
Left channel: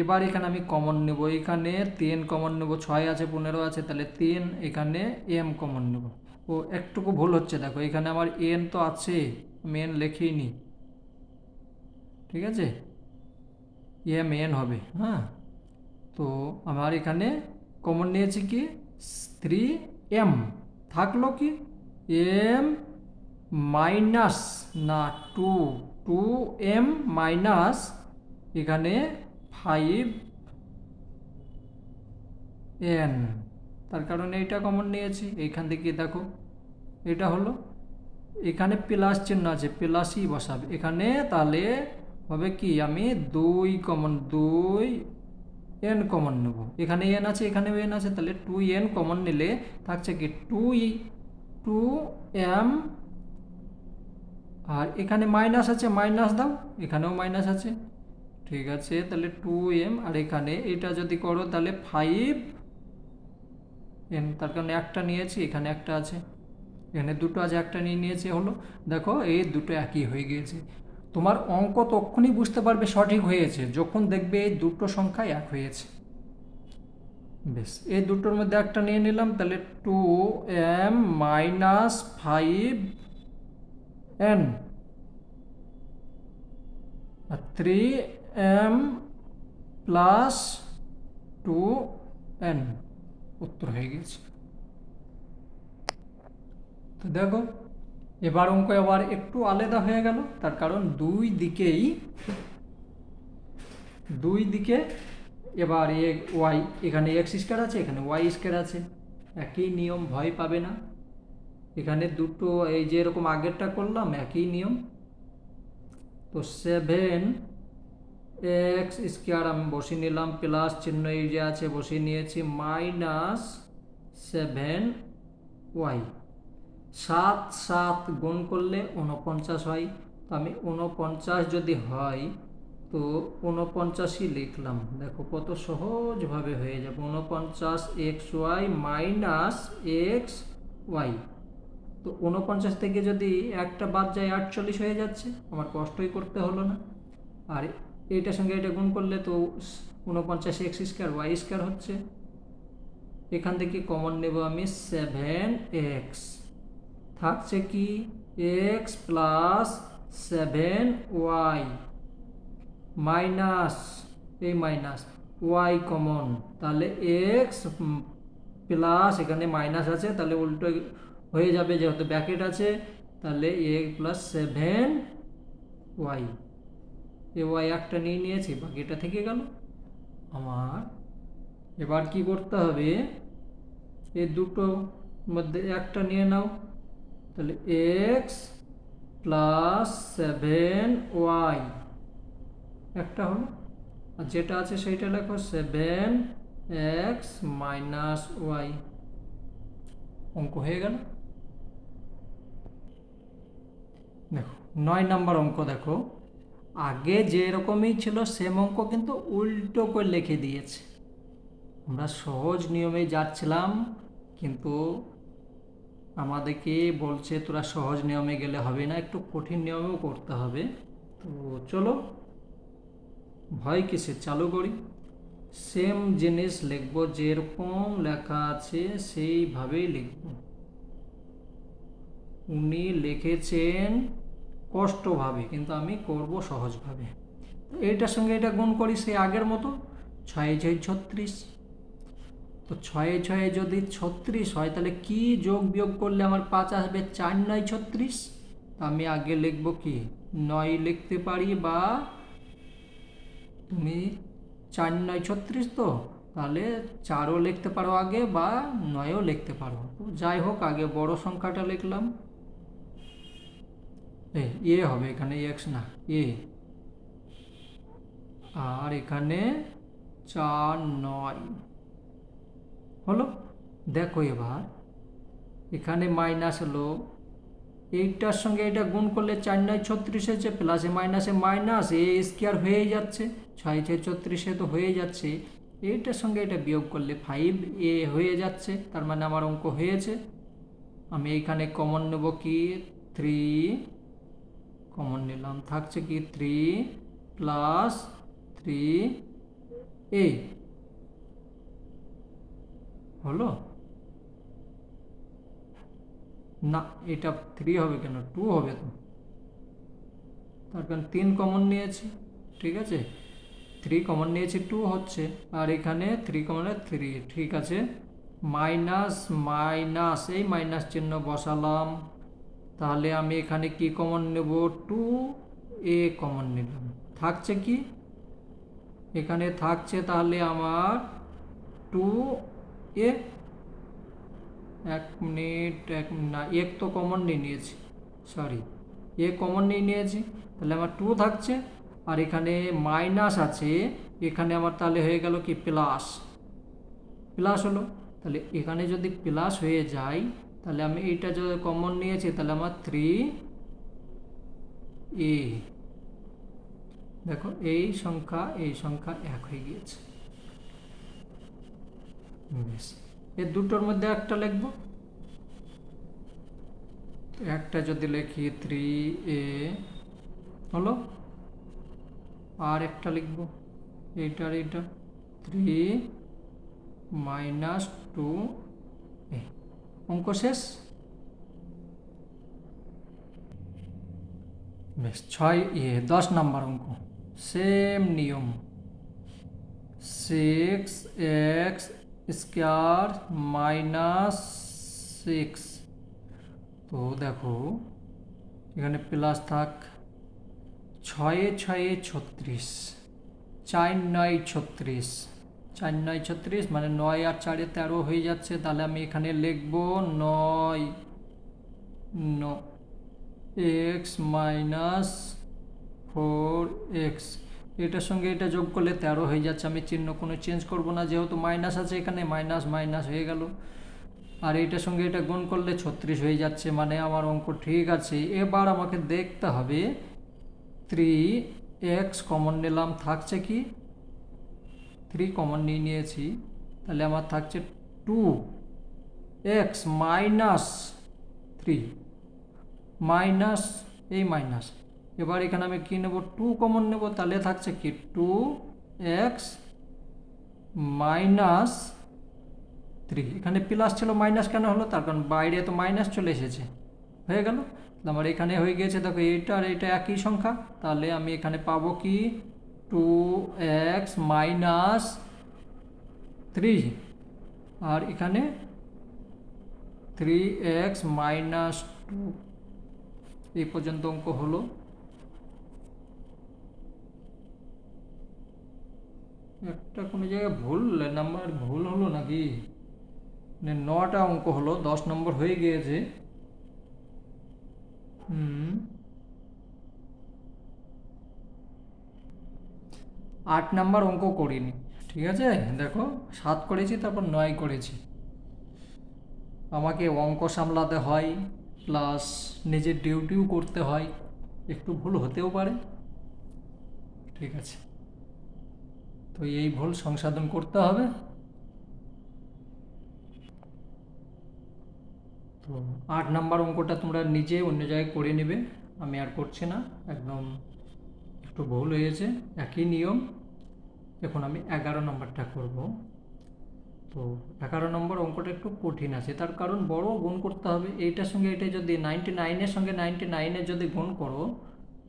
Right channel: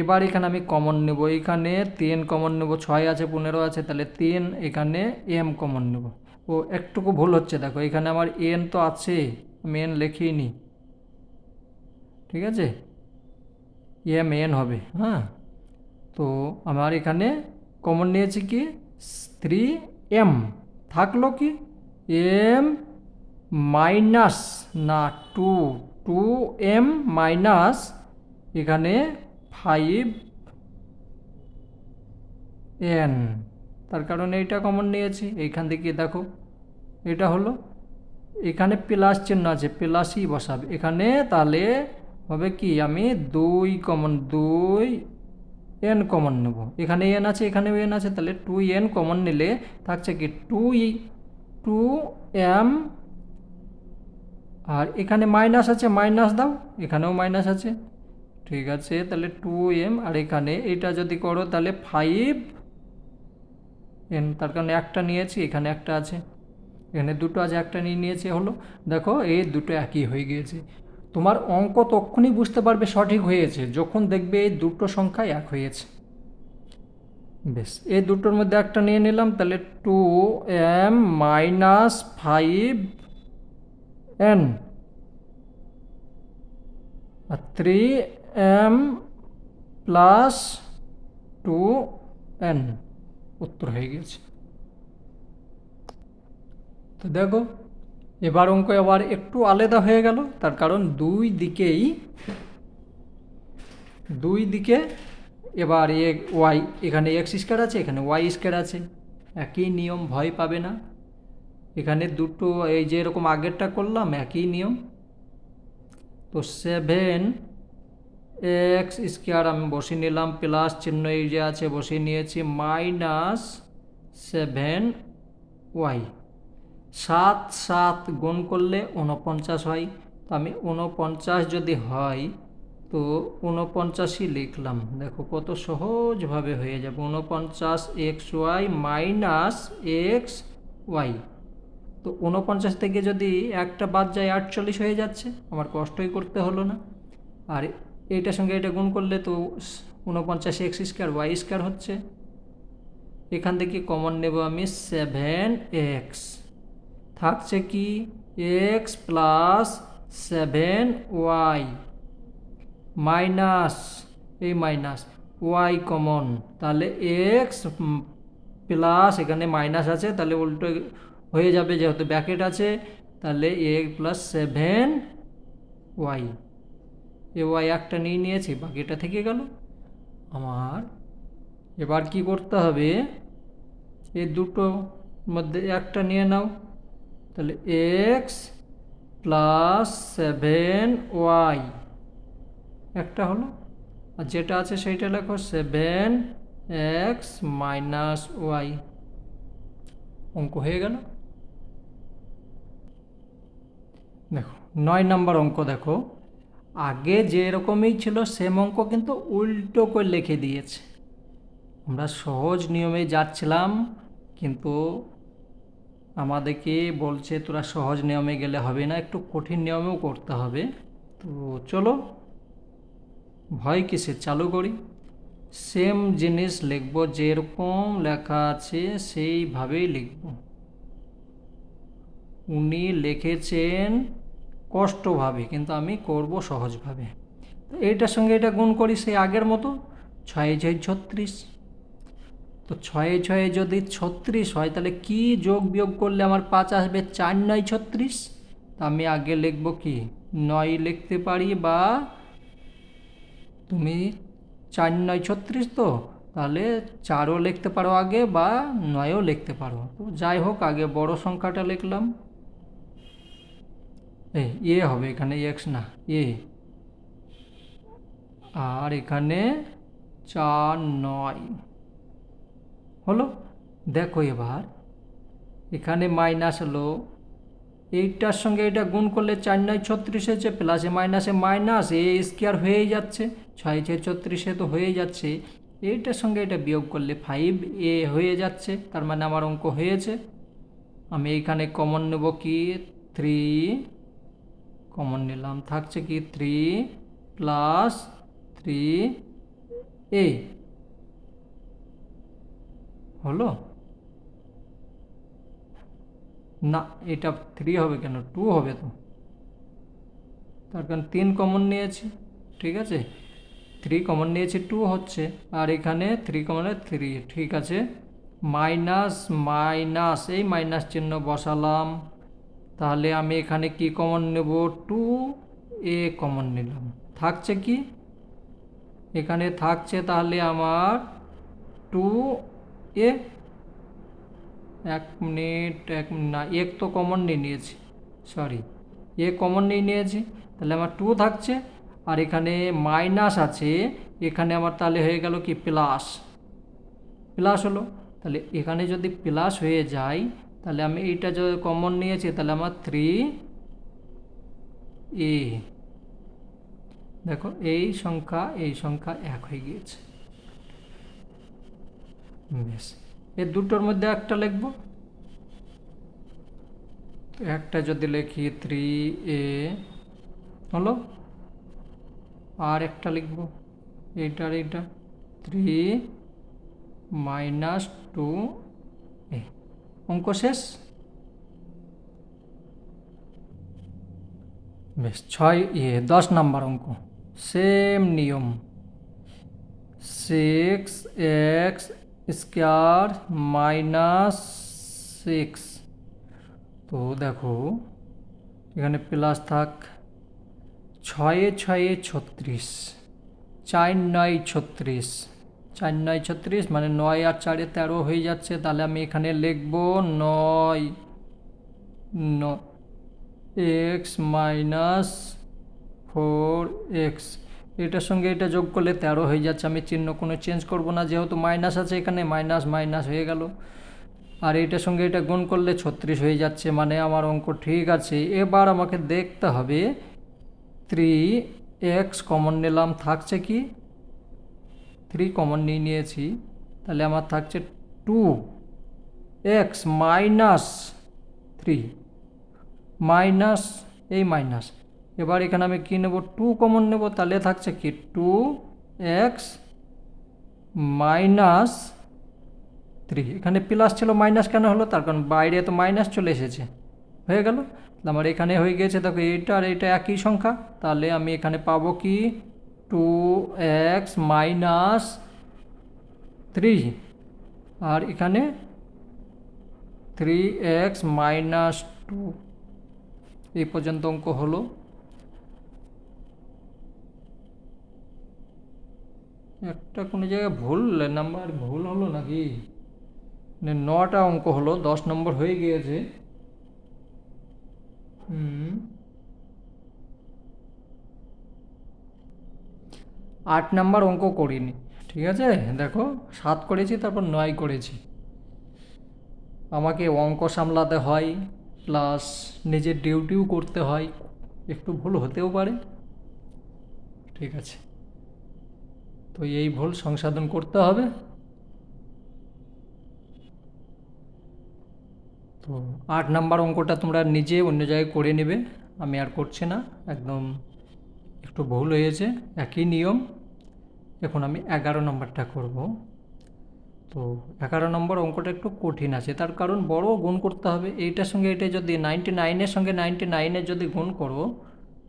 এবার এখানে আমি কমন নেব, এখানে 3 কমন নেব, 6 আছে 15 আছে, তাহলে 3, এখানে m কমন নেব। ও একটুকু ভুল হচ্ছে, দেখো এখানে আমার n তো আছে, আমি n লিখিয়ে নিই, ঠিক আছে, n হবে, হ্যাঁ। তো আমার এখানে কমন নিয়েছি কি 3m, থাকলো কি m মাইনাস না 2m মাইনাস এখানে 5n, তার কারণে এইটা কমন নিয়েছি। এইখান থেকে দেখো এটা হলো, এখানে প্লাস চিহ্ন আছে, প্লাসই বসাবে এখানে, তাহলে হবে কি আমি 2n কমন নেব, এখানে n আছে এখানেও n আছে, তাহলে 2n কমন নিলে থাকছে কি 2m, আর এখানে মাইনাস আছে, মাইনাস দাও, এখানেও মাইনাস আছে, ঠিক আছে, তাহলে 2m, আর এখানে এটা যদি করো তাহলে 5n, তার কারণে একটা নিয়েছি, এখানে একটা আছে, এখানে দুটো আছে, একটা নিয়ে নিয়েছে, হলো। দেখো এই দুটো একই হয়ে গিয়েছে। তোমার অঙ্ক তখনই বুঝতে পারবে সঠিক হয়েছে যখন দেখবে এই দুটো সংখ্যা এক হয়েছে। বেশ, এই দুটোর মধ্যে একটা নিয়ে নিলাম, তাহলে 2m -5n আর 3m +2n, উত্তর হয়ে গেছে। তো দেখো এবার অঙ্ক আবার একটু আলাদা হয়ে গেল, তার কারণ দুই দিকে এবার ওয়াই, এখানে x² আছে, এখানে y² আছে, একই নিয়ম, ভয় পাবে না। এখানে দুটো এই যে এরকম আগেরটা করলাম একই নিয়ম। তো 7x² আমি বসিয়ে নিলাম, প্লাস চিহ্ন এই যে আছে বসিয়ে নিয়েছি, -7y, 7 7 গুণ করলে 49 হয়, তো আমি 49 যদি হয় তো 49ই লিখলাম, দেখো কত সহজভাবে হয়ে যাবে, 49xy -xy। তো 49 থেকে যদি একটা বাদ যায় 48 হয়ে যাচ্ছে, আমার কষ্টই করতে হলো না। আর এইটার সঙ্গে এটা গুণ করলে তো 49x² y² হচ্ছে, এখান থেকে কমন নেব আমি 7x, থাকছে কি x + 7y মাইনাস এই মাইনাস y কমন, তাহলে x প্লাস এখানে মাইনাস আছে, তাহলে উল্টো হয়ে যাবে, যেহেতু ব্র্যাকেট আছে, তাহলে x + 7y, এ y একটা নিয়ে নিয়েছি, বাকিটা থেকে গেল আমার। এবার কি করতে হবে, এই দুটো মধ্যে একটা নিয়ে নাও, তাহলে x + 7y একটা হলো, আর যেটা আছে সেইটা লেখো 7y এক্স মাইনাস ওয়াই। অঙ্ক হয়ে গেল। দেখো 9 নম্বর অঙ্ক দেখো, আগে যেরকমই ছিল সেম অঙ্ক কিন্তু উল্টো করে লিখে দিয়েছে। আমরা সহজ নিয়মে যাচ্ছিলাম, কিন্তু আমাদেরকে বলছে তোরা সহজ নিয়মে গেলে হবে না, একটু কঠিন নিয়মেও করতে হবে। তো চলো, ভয় কিসে, চালু করি। সেম জিনিস লিখব, যেরকম লেখা আছে সেইভাবেই লিখব। উনি লিখেছেন কষ্টভাবে, কিন্তু আমি করব সহজভাবে। এইটার সঙ্গে এটা গুণ করি সেই আগের মতো, 6×6 = 36। তো 6×6 যদি 36 হয়, তাহলে কি যোগ বিয়োগ করলে আমার 5 আসবে? 4×9 = 36। তা আমি আগে লিখব কি, 9 লিখতে পারি, বা তুমি 4×9 = 36, তো তাহলে 4ও লিখতে পারো আগে, বা 9ও লিখতে পারো। তো যাই হোক, আগে বড় সংখ্যাটা লিখলাম। এ হবে এখানে, এক্স না এ, আর এখানে 4×9 হলো। দেখো এবার এখানে মাইনাস হলো, এইটার সঙ্গে এটা গুণ করলে 4×9 = 36 হচ্ছে, প্লাসে মাইনাসে মাইনাস, এ স্কোয়ার হয়ে যাচ্ছে, 6×6 = 36 তো হয়ে যাচ্ছে। এইটার সঙ্গে এটা বিয়োগ করলে 5a হয়ে যাচ্ছে, তার মানে আমার অঙ্ক হয়েছে। আমি এইখানে কমন নেব কি, 3 কমন নিলাম, থাকছে কি 3 + 3a হলো। না, এটা 3 হবে কেন, 2 হবে তো, তার কারণ 3 কমন নিয়েছি, ঠিক আছে, 3 কমন নিয়েছি, 2 হচ্ছে, আর এখানে 3 কমন 3, ঠিক আছে। মাইনাস মাইনাস, এই মাইনাস চিহ্ন বসালাম, তাহলে আমি এখানে কি কমন নেব, 2a কমন নিলাম, থাকছে কি এখানে থাকছে, তাহলে আমার 2a। 1 মিনিট, না, এক তো কমন নিয়ে নিয়েছি, সরি, এ কমন নিয়ে নিয়েছি, তাহলে আমার 2 থাকছে, আর এখানে মাইনাস আছে, এখানে আমার তাহলে হয়ে গেল কি প্লাস, প্লাস হলো। তাহলে এখানে যদি প্লাস হয়ে যায়, তাহলে আমি এইটা যদি কমন নিয়েছি, তাহলে আমার 3a, দেখো এই সংখ্যা এক হয়ে গিয়েছে। বেশ, এই দুটোর মধ্যে একটা লিখব। একটা যদি লিখি 3a হলো, আর একটা লিখব এইটার এইটা, 3 - 2a। অঙ্ক শেষ। বেশ, 10 নম্বর অঙ্ক, সেম নিয়ম, 6x² - 6। তো দেখো এখানে প্লাস থাক, 6×6 = 36, 4×9 = 36, 4×9 = 36, মানে 9 আর 4 13 হয়ে যাচ্ছে, তাহলে আমি এখানে লিখব 9 x - 4x, এটার সঙ্গে এটা যোগ করলে 13 হয়ে যাচ্ছে, আমি চিহ্ন কোনো চেঞ্জ করব না, যেহেতু মাইনাস আছে এখানে, মাইনাস মাইনাস হয়ে গেল, আর এটার সঙ্গে এটা গুণ করলে 36 হয়ে যাচ্ছে, মানে আমার অঙ্ক ঠিক আছে। এবার আমাকে দেখতে হবে, 3x কমন নিলাম, থাকছে কি 3 কমন নিয়েছি, তাহলে আমার থাকছে 2x - 3 মাইনাস, এই মাইনাস, এবার এখানে আমি কী নেব, 2 কমন নেব, তাহলে থাকছে কি 2x - 3। এখানে প্লাস ছিল, মাইনাস কেন হলো, তার কারণ বাইরে তো মাইনাস চলে এসেছে, হয়ে গেল। আমার এখানে হয়ে গেছে, দেখো এইটা আর এটা একই সংখ্যা, তাহলে আমি এখানে পাবো কি 2x - 3, আর এখানে 3x - 2। এই পর্যন্ত অঙ্ক হলো। একটা কোনো জায়গায় ভুল নাম্বার ভুল হলো নাকি, মানে 9টা অঙ্ক হলো, 10 নম্বর হয়ে গিয়েছে। 8 নম্বর অঙ্ক করিনি, ঠিক আছে, দেখো 7 করেছি, তারপর 9 করেছি। আমাকে অঙ্ক সামলাতে হয়, প্লাস নিজের ডিউটিও করতে হয়, একটু ভুল হতেও পারে। ঠিক আছে, তো এই ভুল সংশোধন করতে হবে। তো 8 নাম্বার অঙ্কটা তোমরা নিজে অন্য জায়গায় করে নেবে, আমি আর করছি না, একদম একটু ভুল হয়েছে, একই নিয়ম। এখন আমি 11 নম্বরটা করব। তো 11 নম্বর অঙ্কটা একটু কঠিন আছে, তার কারণ বড় গুণ করতে হবে। এইটার সঙ্গে এটা যদি 99-এর সঙ্গে 99-এর যদি গুণ করো,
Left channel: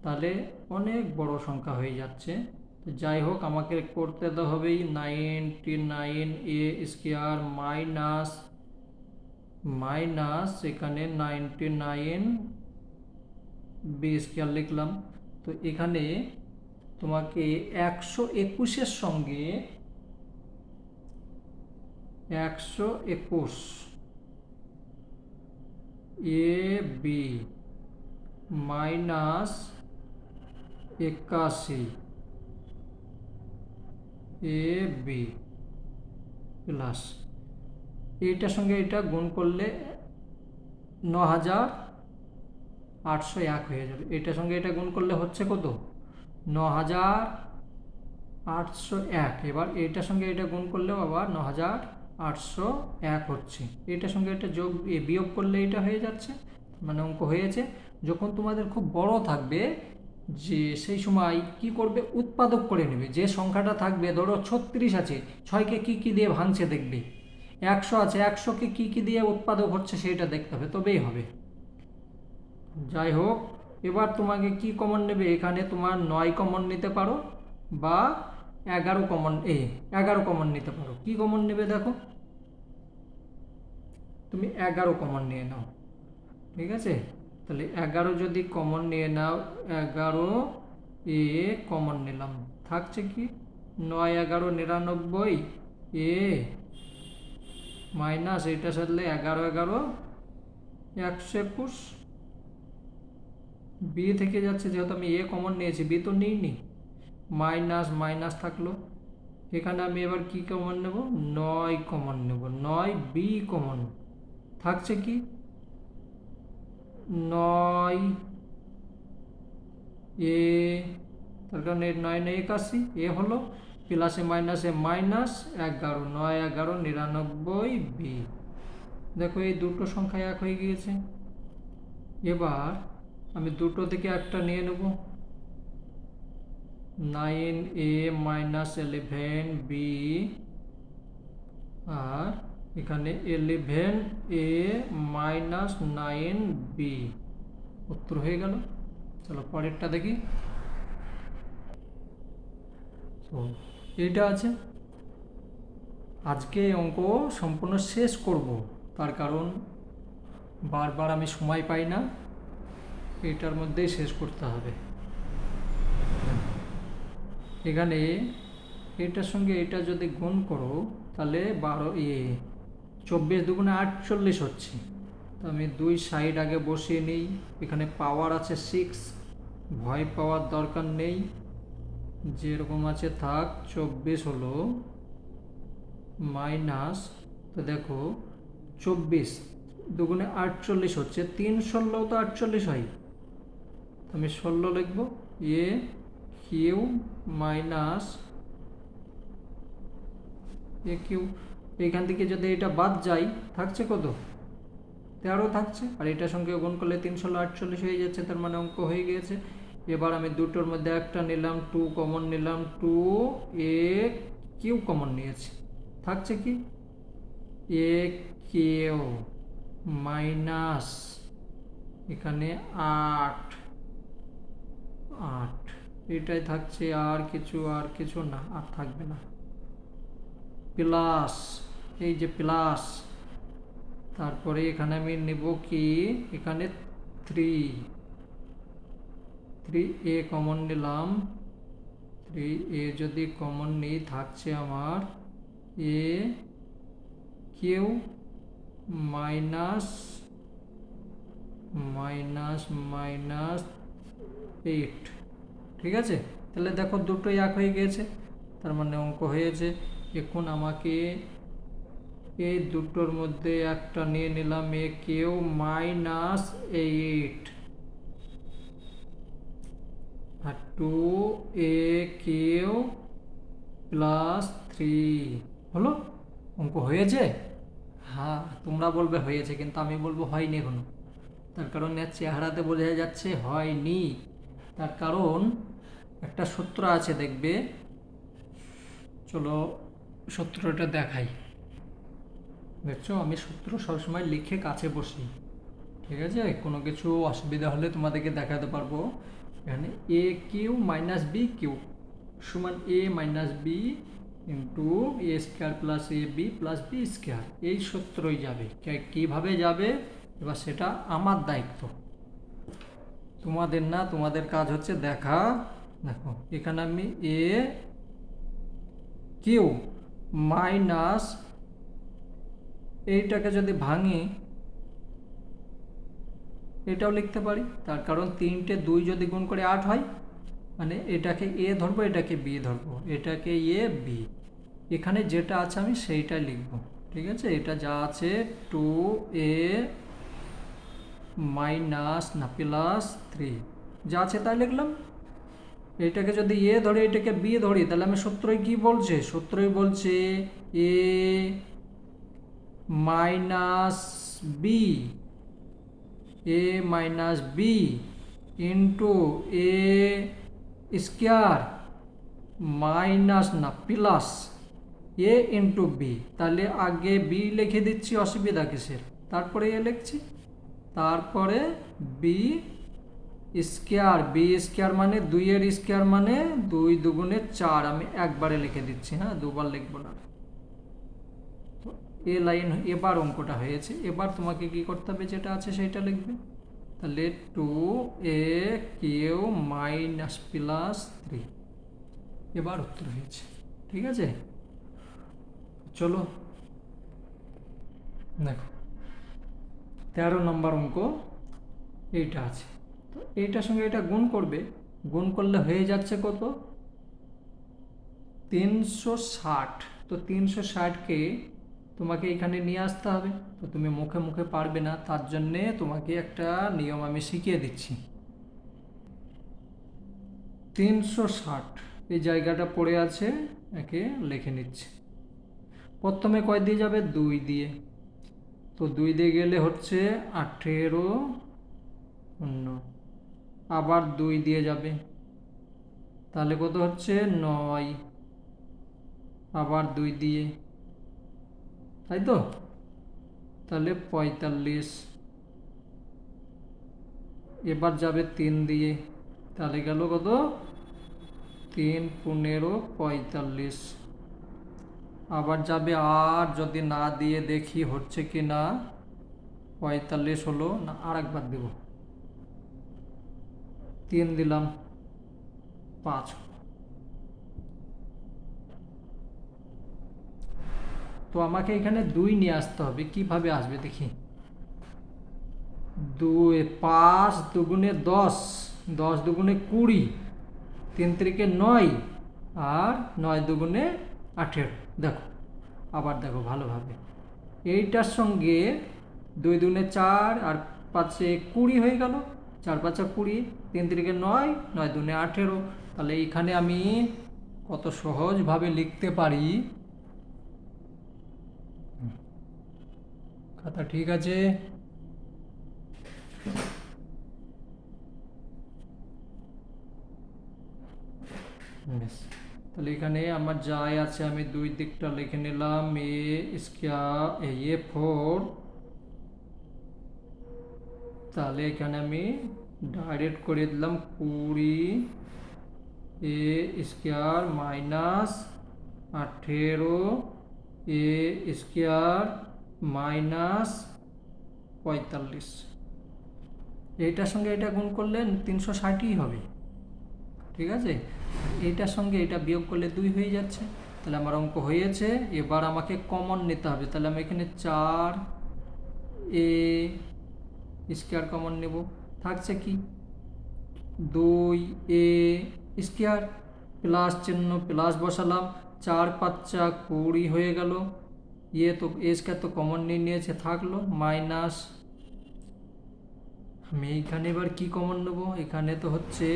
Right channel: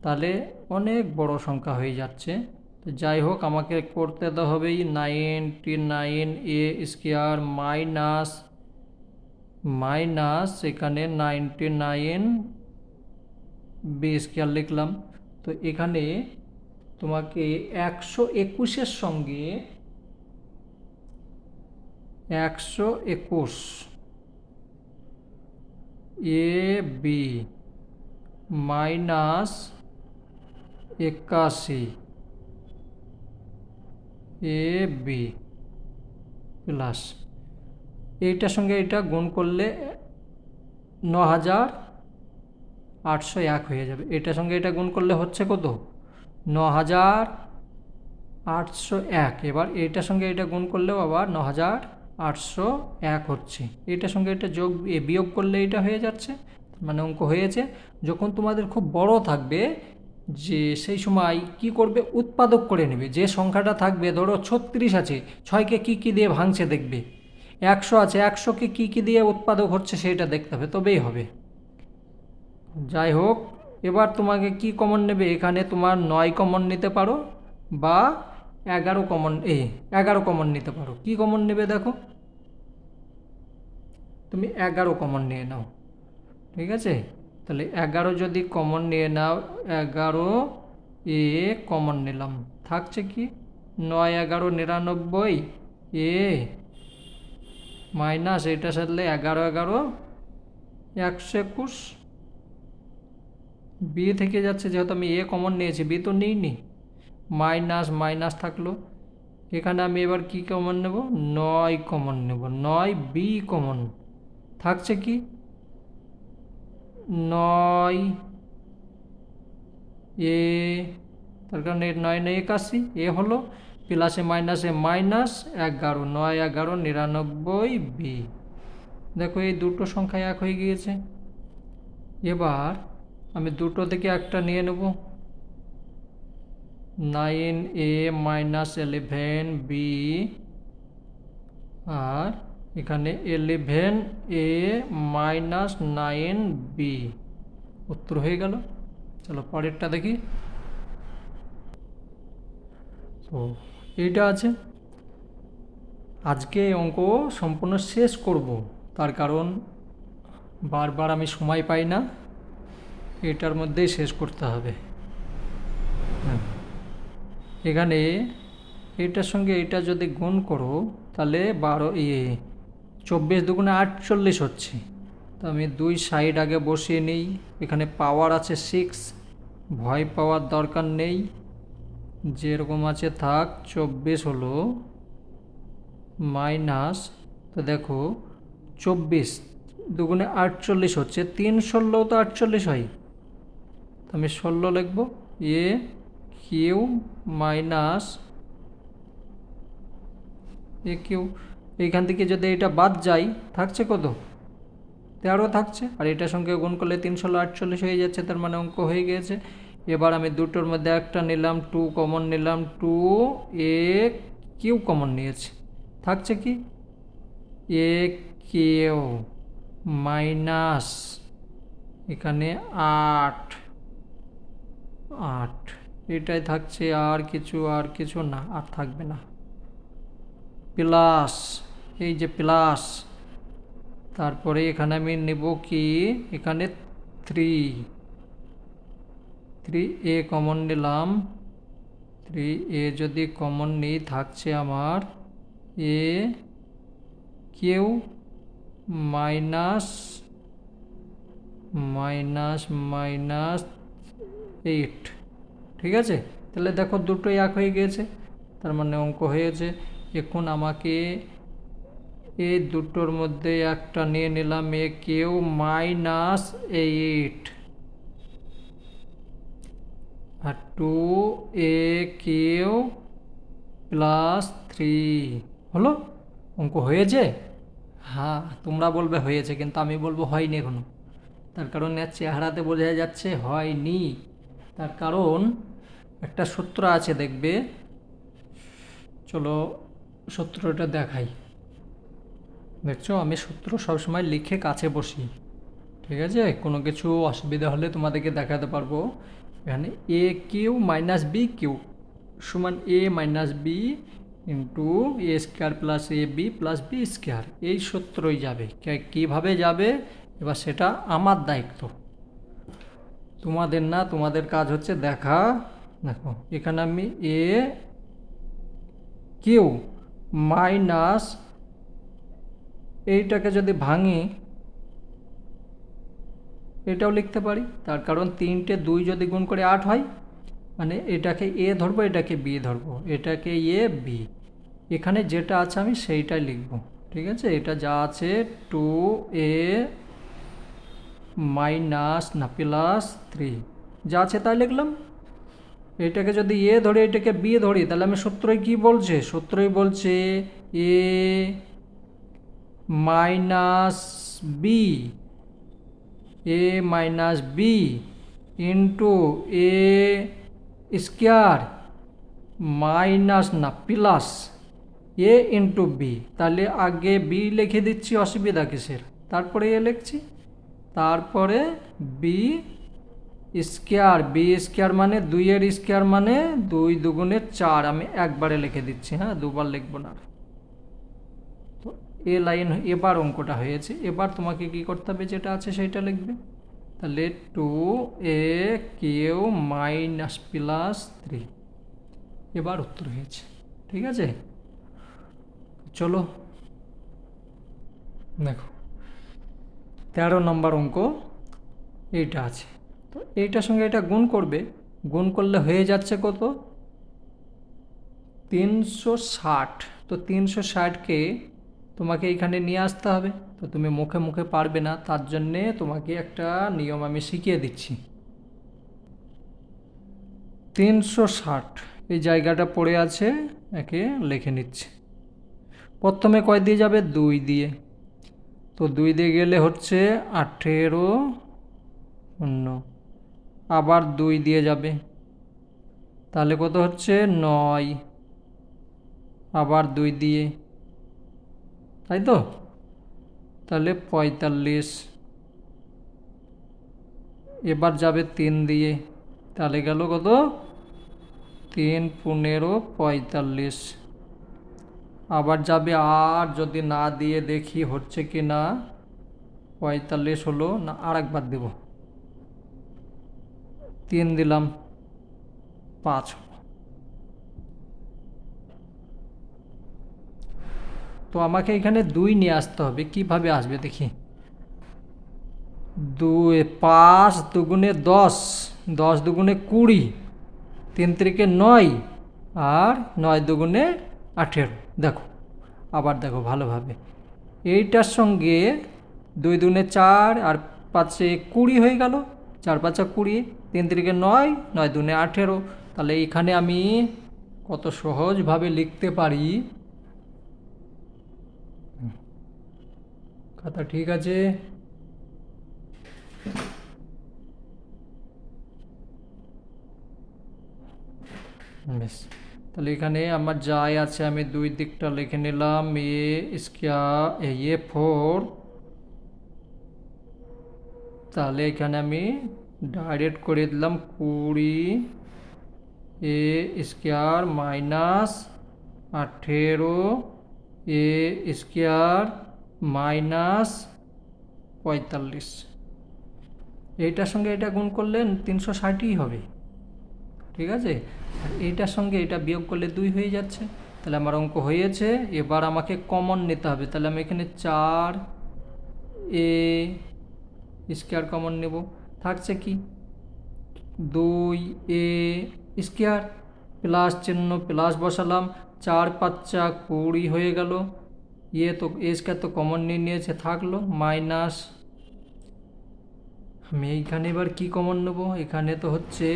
তাহলে অনেক বড় সংখ্যা হয়ে যাচ্ছে। তো যাই হোক, আমাকে করতে তো হবেই 99a² মাইনাস মাইনাস এখানে 99b² লিখলাম। তো এখানে তোমাকে 121-এর সঙ্গে 121 A B minus 81 A B plus এইটার সঙ্গে এটা গুণ করলে 9801 হয়ে যাবে। এটার সঙ্গে এটা গুণ করলে হচ্ছে কত? 9801। এবার এইটার সঙ্গে এটা গুণ করলেও আবার 9801 হচ্ছে। এটার সঙ্গে এটা বিয়োগ করলে এটা হয়ে যাচ্ছে, মানে অঙ্ক হয়েছে। যখন তোমাদের খুব বড় থাকবে, যে সেই সময় কি করবে, উৎপাদক করে নেবে। যে সংখ্যাটা থাকবে, ধরো 36 আছে, 6কে কী দিয়ে ভাঙছে দেখবে, 100 আছে, 100কে কী দিয়ে উৎপাদক হচ্ছে সেটা দেখতে হবে, তবেই হবে। যাই হোক, এবার তোমাকে কি কমন নেবে, এখানে তোমার 9 কমন নিতে পারো বা 11 কমন নিতে পারো। কি কমন নেবে দেখো, তুমি 11 কমন নিয়ে নাও। ঠিক আছে, তাহলে 11 যদি কমন নিয়ে নাও, 11 এ কমন নিলাম, থাকছে কি 9 11 99 এ মাইনাস এটা সাথে 11 11 121 বি থেকে যাচ্ছে, যেহেতু আমি এ কমন নিয়েছি, বি তো নিইনি, মাইনাস মাইনাস থাকলো। এখানে আমি এবার কি কমন নেব, 9 কমন নেব, 9 বি কমন থাকছে কি 9 এ, তার কারণে 9 81 এ হলো, প্লাসে মাইনাসে মাইনাস 11, 9 11 99 বি। দেখো এই দুটো সংখ্যা এক হয়ে গিয়েছে। এবার আমি দুটো থেকে একটা নিয়ে নেব, 9a মাইনাস 11b, আর এখানে 11a মাইনাস 9b, উত্তর হয়ে গেল। চলো পরেরটা দেখি। তো এইটা আছে, আজকে অঙ্ক সম্পূর্ণ শেষ করব, তার কারণ বারবার আমি সময় পাই না, এটার মধ্যেই শেষ করতে হবে। এখানে এটার সঙ্গে এটা যদি গুণ করো, তাহলে 24 দুগুণে 48 হচ্ছে। তো আমি 2 সাইড আগে বসিয়ে নিই, এখানে পাওয়ার আছে 6, ভয় পাওয়ার দরকার নেই, যেরকম আছে থাক। 24 হলো মাইনাস, তো দেখো 24 দুগুণে 48 হচ্ছে, 3 16 তো 48 হয়, আমি 16 লিখব। এ কিউ মাইনাস এ কিউ, এইখান থেকে যদি এটা বাদ যায়, থাকছে কত 13 থাকছে, আর এটার সঙ্গে গুণ করলে 3 16 48 হয়ে যাচ্ছে, তার মানে অঙ্ক হয়ে গিয়েছে। এবার আমি দুটোর মধ্যে একটা নিলাম, 2 কমন নিলাম, 2 এ কিউ কমন নিয়েছি, থাকছে কি এ কিউ মাইনাস এখানে 8 8, এটাই থাকছে, আর কিছু না, আর থাকবে না, প্লাস এই যে প্লাস, তারপরে এখানে আমি নেব কি, এখানে 3 কমন নিলাম, 3 যদি কমন নিই, থাকছে আমার এ কিউ মাইনাস মাইনাস মাইনাস 8। ঠিক আছে, তাহলে দেখো দুটোই এক হয়ে গিয়েছে, তার মানে অঙ্ক হয়েছে। এখন আমাকে এই দুটোর মধ্যে একটা নিয়ে নিলাম, এ কিউ মাইনাস 8 আর 2 a কিউ প্লাস 3 হলো। অঙ্ক হয়েছে? হ্যাঁ, তোমরা বলবে হয়েছে, কিন্তু আমি বলবো হয়নি এখনো। তার কারণ এর চেহারাতে বোঝা যাচ্ছে হয়নি। তার কারণ একটা সূত্র আছে, দেখবে। চলো সূত্রটা দেখাই। দেখছো, আমি সূত্র সবসময় লিখে কাছে বসি, ঠিক আছে? কোনো কিছু অসুবিধা হলে তোমাদেরকে দেখাতে পারবো। এখানে এ কিউ মাইনাস বি কিউ সমান এ minus B into A square plus A B plus B square, এই সূত্রই যাবে। কীভাবে যাবে এবার সেটা আমার দায়িত্ব, তোমাদের না। তোমাদের কাজ হচ্ছে দেখা। দেখো, এখানে আমি এ কিউ মাইনাস, এইটাকে যদি ভাঙি এটাও লিখতে পারি। তার কারণ 3টে 2 যদি গুণ করে 8 হয়, মানে এটাকে এ ধরবো, এটাকে বি ধরবো, এটাকে এ বি। এখানে যেটা আছে আমি সেইটাই লিখব, ঠিক আছে? এটা যা আছে 2a মাইনাস না প্লাস 3 যা আছে তাই লিখলাম। এটাকে যদি এ ধরে এটাকে বি ধরি, তাহলে আমি সূত্রই কি বলছে? সূত্রই বলছে এ মাইনাস বি, এ মাইনাস বি ইন্টু এ স্কোয়ার মাইনাস না প্লাস এ ইন্টু বি। তাহলে আগে বি লিখে দিচ্ছি, অসুবিধা কিসের? তারপরে এ লিখছি, তারপরে বি স্কোয়ার। বি স্কোয়ার মানে 2-এর স্কোয়ার মানে 2 দুগুণে 4। আমি একবারে লিখে দিচ্ছি, হ্যাঁ, দুবার লিখবো না। তো এ লাইন এবার অঙ্কটা হয়েছে। এবার তোমাকে কি করতে হবে? যেটা আছে সেইটা লিখবে। তাহলে 2a কিউ মাইনাস প্লাস 3, এবার উত্তর হয়েছে, ঠিক আছে? চলো দেখো, 13 নম্বর অঙ্ক এইটা আছে। তো এইটার সঙ্গে এটা গুণ করবে, গুণ করলে হয়ে যাচ্ছে কত? 360। তো 360কে তোমাকে এখানে নিয়ে আসতে হবে। তো তুমি মুখে মুখে পারবে না, তার জন্যে তোমাকে একটা নিয়ম আমি শিখিয়ে দিচ্ছি। 360 এই জায়গাটা পড়ে আছে, একে লিখে নিচ্ছে। প্রথমে কয় দিয়ে যাবে? 2 দিয়ে। তো 2 দিয়ে গেলে হচ্ছে 18 শূন্য, আবার 2 দিয়ে যাবে, তাহলে কত হচ্ছে? 9, আবার 2 দিয়ে, তাই তো? তাহলে 45। এবার যাবে 3 দিয়ে, তাহলে গেল কত? 3 15 45। আবার যাবে, আর যদি না দিয়ে দেখি হচ্ছে কি না। 45 হলো না, আর একবার দেব, 3 দিলাম, 5। তো আমাকে এখানে 2 নিয়ে আসতে হবে। কিভাবে আসবে দেখি। 2 5 দুগুণে 10, 10 দুগুণে 20, 3 3 9, আর 9 দুগুণে 18। দেখো, আবার দেখো ভালোভাবে, এইটার সঙ্গে 2 দুগুণে 4 আর 5 20 হয়ে গেল, 4 5 20, 3 3 9, 9 দুগুণে 18। তাহলে এখানে আমি কত সহজভাবে লিখতে পারি। কথা ঠিক আছে? বেশ, তাহলে এখানে আমার যাই আছে আমি 2 দিকটা লিখে নিলাম। এ স্কোয়ার এ 4, তাহলে এখানে আমি ডাইরেক্ট করে দিলাম 20 এ স্কোয়ার মাইনাস 18 এ স্কোয়ার মাইনাস 45। এইটার সঙ্গে এটা গুণ করলে 360ই হবে, ঠিক আছে? এইটার সঙ্গে এটা বিয়োগ করলে 2 হয়ে যাচ্ছে। তাহলে আমার অঙ্ক হয়েছে। এবার আমাকে কমন নিতে হবে। তাহলে আমি এখানে 4 এ স্কোয়ার কমন নেব, থাকছে কি? 2 এ স্কোয়ার, প্লাস চিহ্ন প্লাস বসালাম, চার পাঁচা 20 হয়ে গেল। ইয়ে তো এ স্কোয়ার তো কমন নিয়ে নিয়েছে, থাকলো মাইনাস, আমি এইখানে এবার কি কমন নেবো, এখানে তো হচ্ছে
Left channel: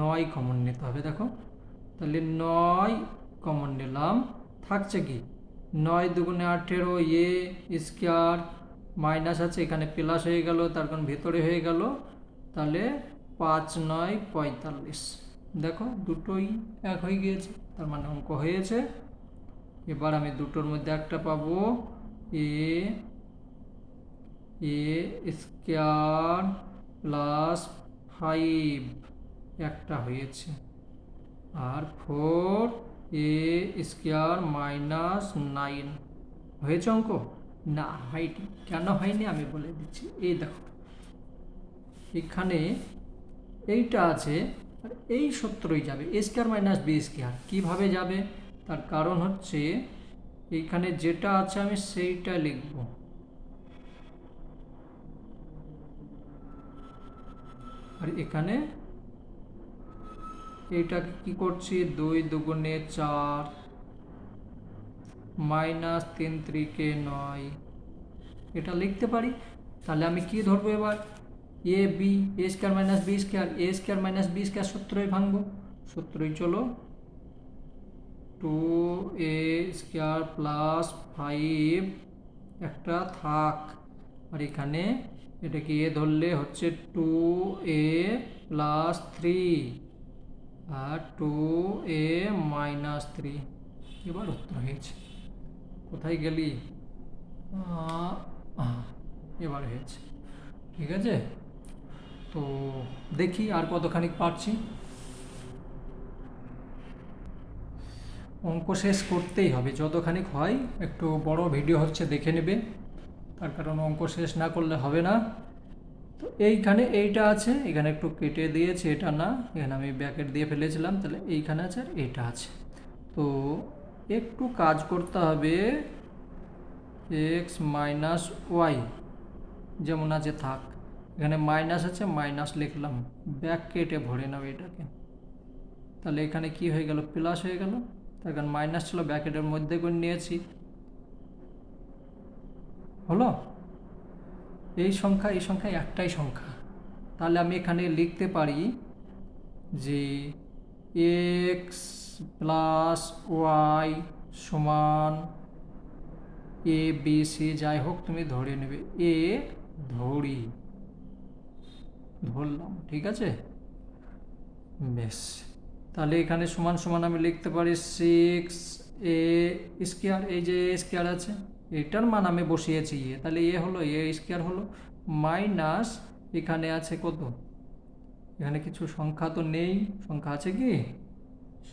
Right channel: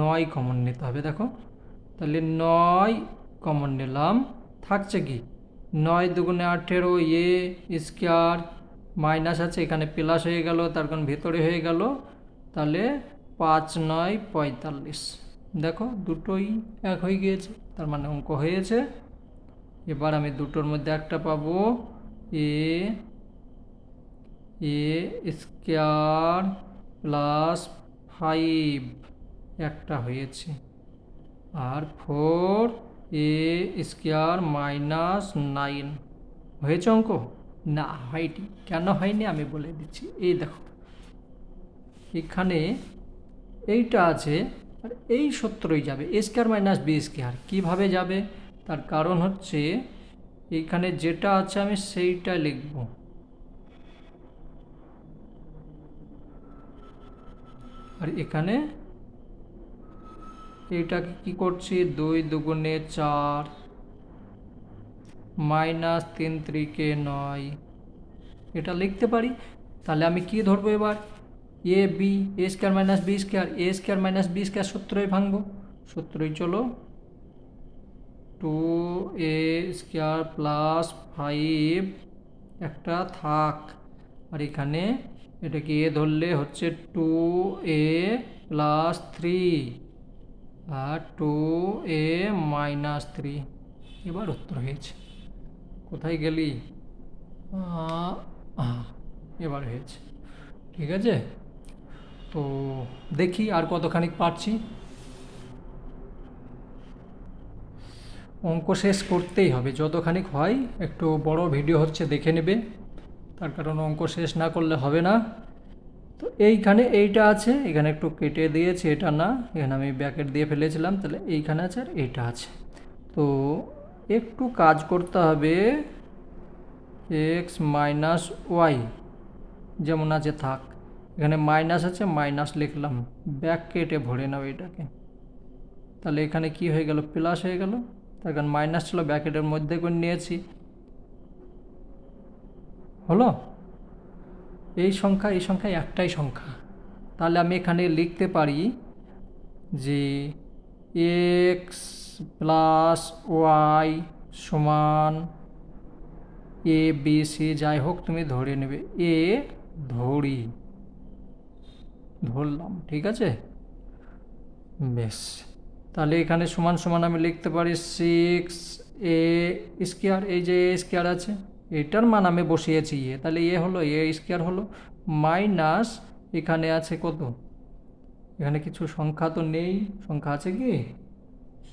9 কমন নিতে হবে। দেখো তাহলে 9 কমন নিলাম, থাকছে কি 9 দুগুণে 18, এ স্কোয়ার মাইনাস আছে এখানে প্লাস হয়ে গেল, তার কারণ ভেতরে হয়ে গেল, তাহলে 5 9 45। দেখো দুটোই এক হয়ে গিয়েছে, তার মানে অঙ্ক হয়েছে। এবার আমি দুটোর মধ্যে একটা পাবো, এ স্কোয়ার প্লাস 5 একটা হয়েছে, আর 4 স্কোয়ার মাইনাস 9 হয়েছে অঙ্ক। না হয়নি, কেন হয়নি আমি বলে দিচ্ছি। এই দেখো এখানে এইটা আছে আর এই সূত্রই যাবে, এ স্কোয়ার মাইনাস বি স্কোয়ার। কীভাবে যাবে, তার কারণ হচ্ছে এইখানে যেটা আছে আমি সেইটা লিখব, আর এখানে এইটাকে কি করছি 2 দুগুণে 4 মাইনাস 3 3 9 এটা লিখতে পারি। তাহলে আমি কি ধরবো এবার, A B A square minus b square, A square minus b square সূত্রই ভাঙবো, সূত্রই চলো 2 স্কোয়ার প্লাস 5 একটা থাক, আর এখানে এটাকে এ ধরলে হচ্ছে 2 প্লাস 3 আর 2 মাইনাস 3। এবার উত্তর হয়েছে। কোথায় গেলি, এবার হয়েছে, ঠিক আছে। তো দেখি আর কতখানি পারছি। অঙ্ক শেষ করতেই হবে, যতখানি হয়। একটু বড় ভিডিও হচ্ছে, দেখে নেবে, তার কারণ অঙ্ক শেষ না করলে হবে না। তো এইখানে এইটা আছে, এখানে একটু কেটে দিয়েছি, এটা না, এখানে আমি ব্র্যাকেট দিয়ে ফেলেছিলাম, তাহলে এইখানে আছে আর এইটা আছে। তো একটু কাজ করতে হবে, এক্স মাইনাস ওয়াই যেমন আছে থাক, এখানে মাইনাস আছে মাইনাস লিখলাম, ব্র্যাকেটে ভরে নাও এটাকে, তাহলে এখানে কি হয়ে গেল প্লাস হয়ে গেল, তার কারণ মাইনাস ছিল ব্র্যাকেটের মধ্যে করে নিয়েছি, হলো। এই সংখ্যা একটাই সংখ্যা, তাহলে আমি এখানে লিখতে পারি যে এক্স প্লাস ওয়াই সমান এ বি সি, যাই হোক তুমি ধরে নেবে, এ ধরলাম, ঠিক আছে, বেশ। তাহলে এখানে সমান সমান আমি লিখতে পারি 6 এ স্কোয়ার, এই যে এ স্কোয়ার আছে এটার মান আমি বসিয়েছি এ, তাহলে এ হলো এ স্কোয়ার হলো, মাইনাস এখানে আছে কত, এখানে কিছু সংখ্যা তো নেই, সংখ্যা আছে কি,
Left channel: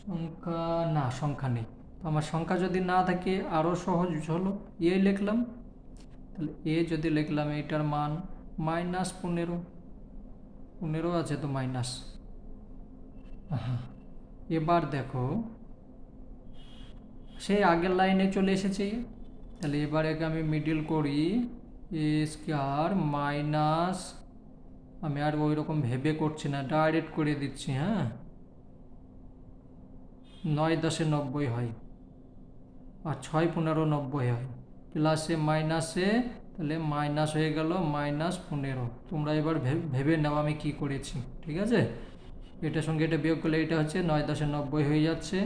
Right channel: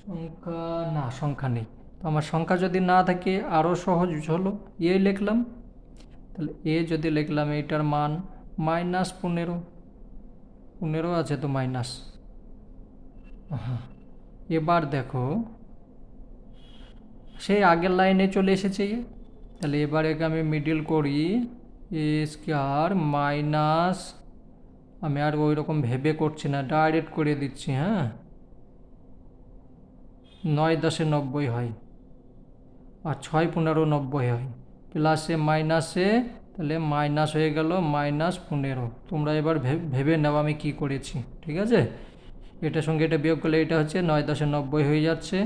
সংখ্যা না, সংখ্যা নেই। তো আমার সংখ্যা যদি না থাকে আরও সহজ হলো, এ লিখলাম, তাহলে এ যদি লিখলাম এটার মান মাইনাস 15 আছে তো মাইনাস। হ্যাঁ, এবার দেখো সেই আগের লাইনে চলে এসেছে, তাহলে এবার একে আমি মিডিল করি, এ স্কোয়ার মাইনাস, আমি আর ওই রকম ভেবে করছি না, ডাইরেক্ট করে দিচ্ছি, হ্যাঁ 9 10 90 হয়, আর 6 15 90 হয়, প্লাসে মাইনাসে, তাহলে মাইনাস হয়ে গেল -15। তোমরা এবার ভেবে নাও আমি কি করেছি, ঠিক আছে। এটার সঙ্গে এটা বিয়োগ করলে এটা হচ্ছে 9 10 90 হয়ে যাচ্ছে,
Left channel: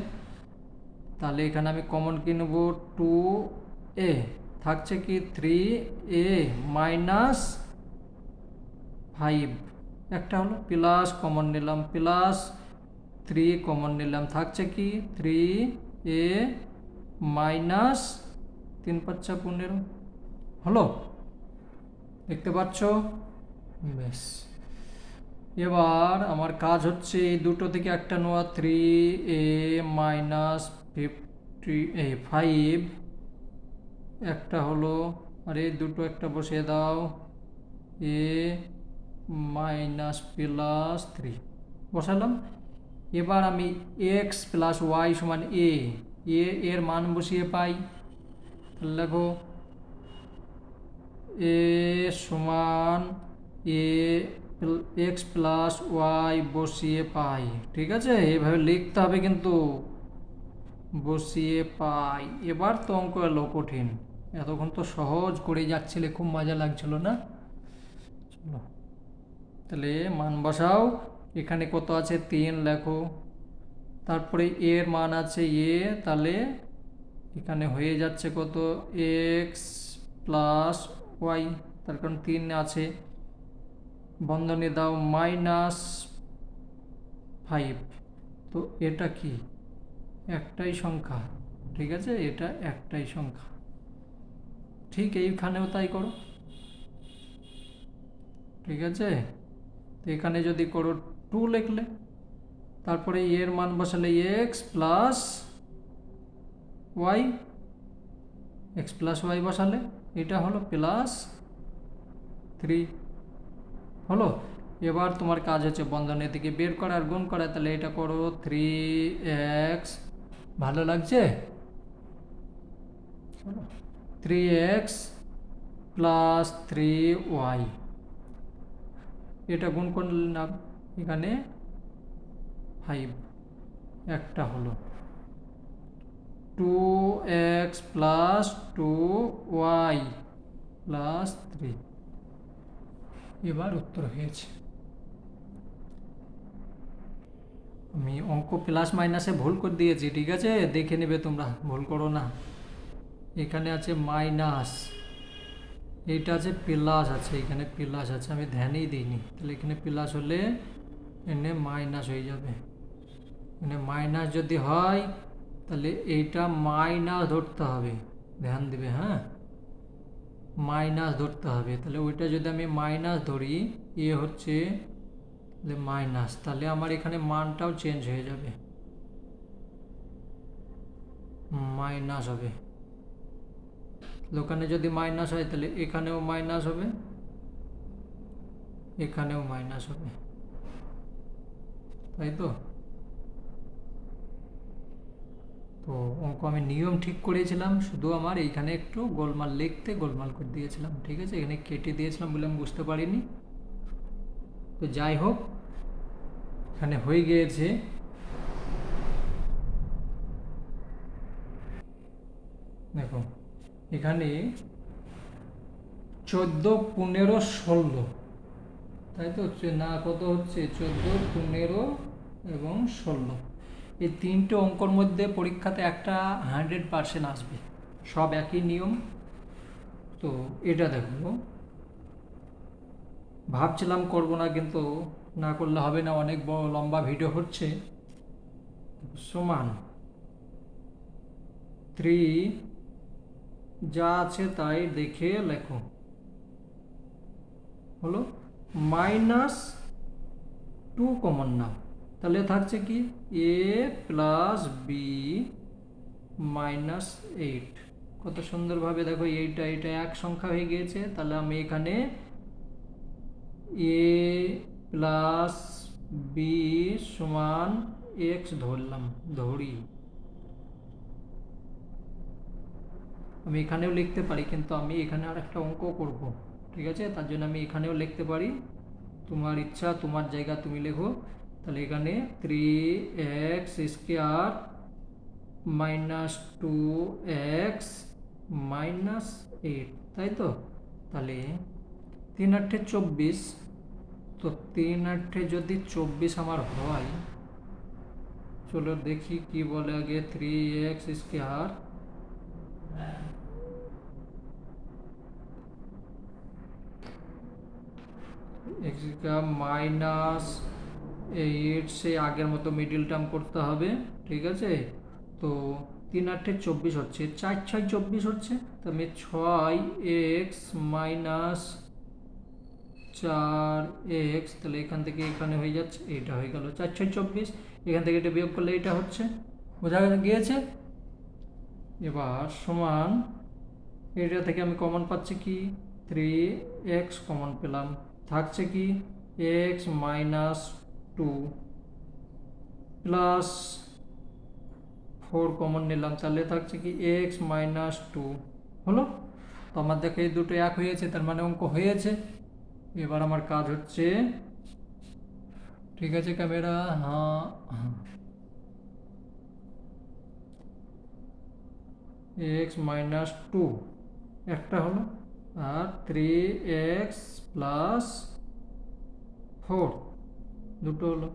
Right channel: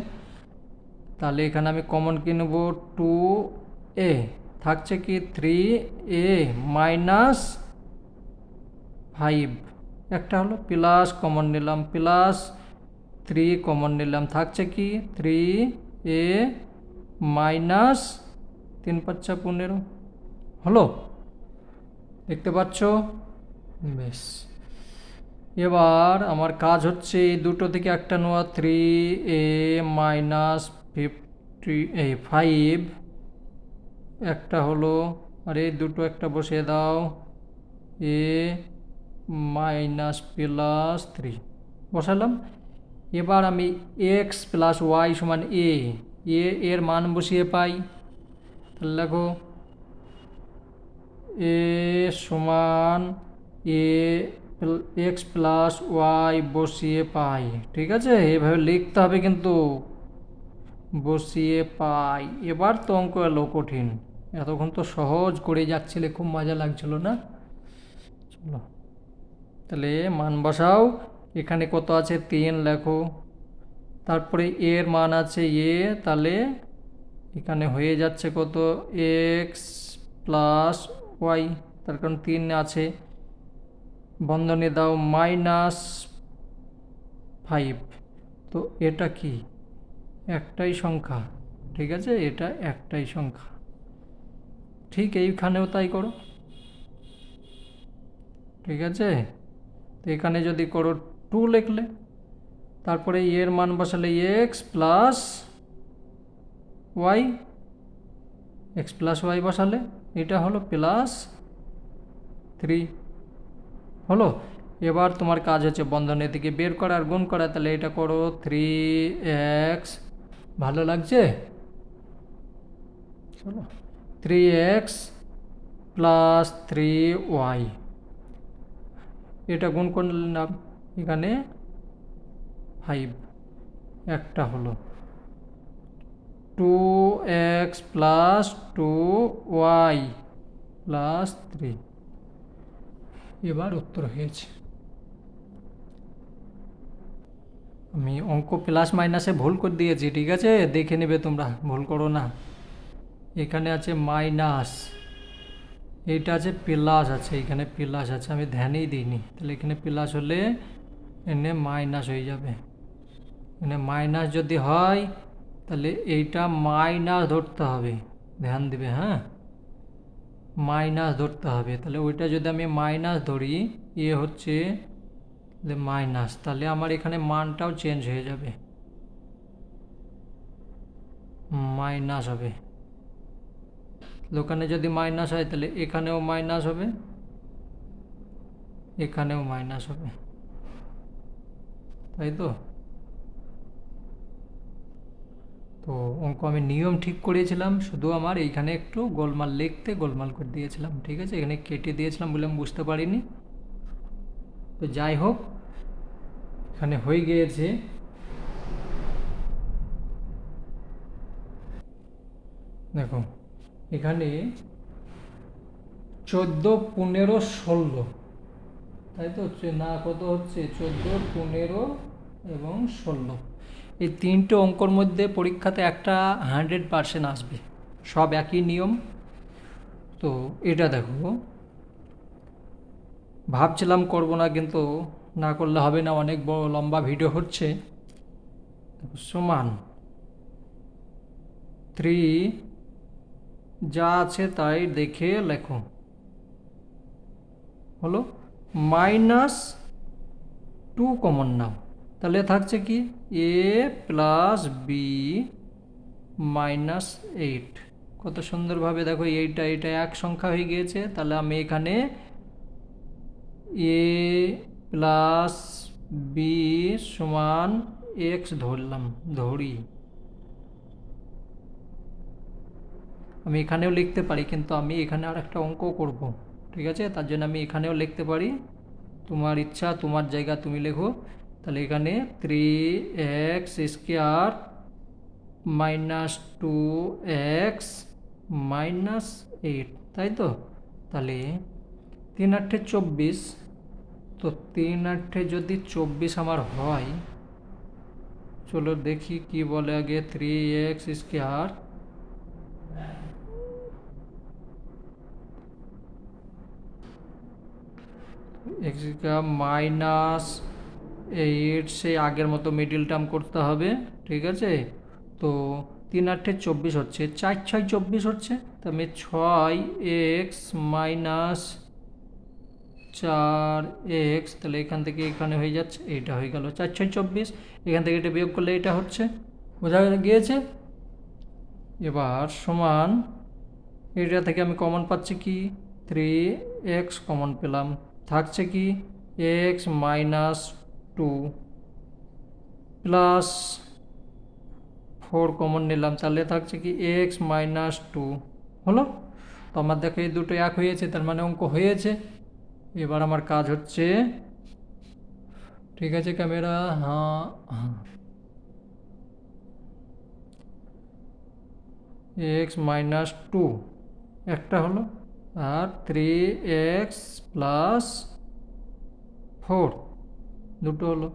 তাহলে এখানে আমি কমন কি নেব, 2 থাকছে কি 3 মাইনাস 5 একটা হলো, প্লাস কমন নিলাম, প্লাস 3 কমন নিলাম, থাকছে কি 3 মাইনাস 3 5 15 হলো, দেখতে পাচ্ছ, বেশ। এবার আমার কাজ হচ্ছে এই দুটো থেকে একটা নেওয়া, 3 মাইনাস 5 একটা হলো, আর এই দুটো একটা বসিয়ে দাও, এ মাইনাস প্লাস 3 বসালাম। এবার আমি এক্স প্লাস ওয়াই সমান এর মান বসিয়ে পাই, তাহলে দেখো এ সমান এক্স প্লাস ওয়াই বসিয়ে পাই, ঠিক আছে, এভাবে লিখতে হবে কিন্তু, বসিয়ে পাই। এবার তো অঙ্ক এলো কঠিন, এতক্ষণ তো সহজ করে যাচ্ছিলে, খুব মজা লাগছিল না? চলো তাহলে মান বসাও। এখানে কত আছে 3 লেখো, তারপরে এর মান আছে তাহলে এখানে হয়ে যাচ্ছে কত এক্স প্লাস ওয়াই, তার কারণ 3 আছে, বন্ধনী দাও -5। তো এটা কি একটাই সংখ্যা, ঠিক আছে, এটা একটাই সংখ্যা। ঠিক এইখানেও তাই করো, ঠিক আছে। তো এখানে যদি করো 2 লিখলে, তারপরে এর মান বসালে x plus y, x plus y বসালে এটা হলো +3 হলো। এবার তোমার কাজ হচ্ছে বন্ধনী থেকে বের করা আর গুণ করা, তাহলে এটা করো 3x, ভালো লাগছে? চলো 3x প্লাস 3y, এটা গুণ করলাম, এখানে 5 একটা হলো, 2x প্লাস 2y প্লাস 3, এবার উত্তর হয়েছে। আমি অঙ্ক প্লাস মাইনাসে ভুল করে দিয়েছি, ঠিক আছে, দেখে নেবে তোমরা, ভুল করো না। এখানে আছে মাইনাস, এইটা আছে প্লাস, আছে এখানে প্লাস আছে, আমি ধ্যানেই দিইনি, তাহলে এখানে প্লাস হলে এনে মাইনাস হয়ে যাবে। এখানে মাইনাস যদি হয় তাহলে এইটা মাইনাস ধরতে হবে, ধ্যান দিবে, হ্যাঁ, মাইনাস ধরতে হবে। তাহলে ওইটা যদি আমি মাইনাস ধরি, হচ্ছে মাইনাস, তাহলে আমার এখানে মানটাও চেঞ্জ হয়ে যাবে, মাইনাস হবে। ওখানে যদি মাইনাস হয় তাহলে এখানেও মাইনাস হবে, এখানেও মাইনাস হবে, তাই তো। তো অঙ্ক আমি নিয়ম ঠিক করেছিলাম, শুধু আমার এইখানে একটু গোলমাল লিখতে গোলমাল করে দিয়েছিলাম, ঠিক আছে, এখানে কেটে দিয়েছিলাম বলে আমি বুঝতে পারিনি। তো যাই হোক, এখানে হয়ে গিয়েছে। দেখো এখানে 14, 15, 16, তাই তো হচ্ছে না, কত হচ্ছে 14, 15 এবং 16, এই তিনটে অঙ্কর মধ্যে পরীক্ষাতে একটা 100% আসবে, সব একই নিয়ম। তো এটা দেখো, ভাবছিলাম করব না, কিন্তু না করলে হবে না, অনেক বড় লম্বা ভিডিও হচ্ছে। সমান 3, যা আছে তাই দেখে লেখো, হলো -2 কমন নাও, তাহলে থাকছে কি a প্লাস বি -8। কত সুন্দরভাবে দেখো, এইটা এক সংখ্যা হয়ে গিয়েছে, তাহলে আমি এখানে a প্লাস বি সমান এক্স ধরি। আমি এখানেও লিখতে পারি, কিন্তু আমি এখানে আর একটা অঙ্ক করব, ঠিক আছে, তার জন্য আমি এখানেও লিখতে পারি, তোমার ইচ্ছা, তোমার জায়গা তুমি লেখো। তাহলে এখানে 3x² -2x -8, তাই তো। তাহলে 3 × 8 = 24, তো 3 × 8 যদি 24 আমার হয়, চলো দেখি কি বলে আগে। 3x² -8, সেই আগের মতো মিডিল টার্ম করতে হবে, ঠিক আছে। তো 3 × 8 = 24 হচ্ছে, 4 × 6 = 24 হচ্ছে, তো আমি 6x -4x, তাহলে এখান থেকে এখানে হয়ে যাচ্ছে, এইটা হয়ে গেল 4 × 6 = 24, এখান থেকে এটা বিয়োগ করলে এটা হচ্ছে, বোঝা গিয়েছে। এবার সমান, এটা থেকে আমি কমন পাচ্ছি কি 3x কমন পেলাম, থাকছে কি x -2 প্লাস 4 কমন নিলাম, তাহলে থাকছে কি x -2 হলো। তো আমার দেখো এই দুটো এক হয়েছে, তার মানে অঙ্ক হয়েছে। এবার আমার কাজ হচ্ছে, ঠিক আছে ক্যামেরা, হ্যাঁ, এক্স মাইনাস টু একটা হলো, আর 3x+4 দুটো হলো।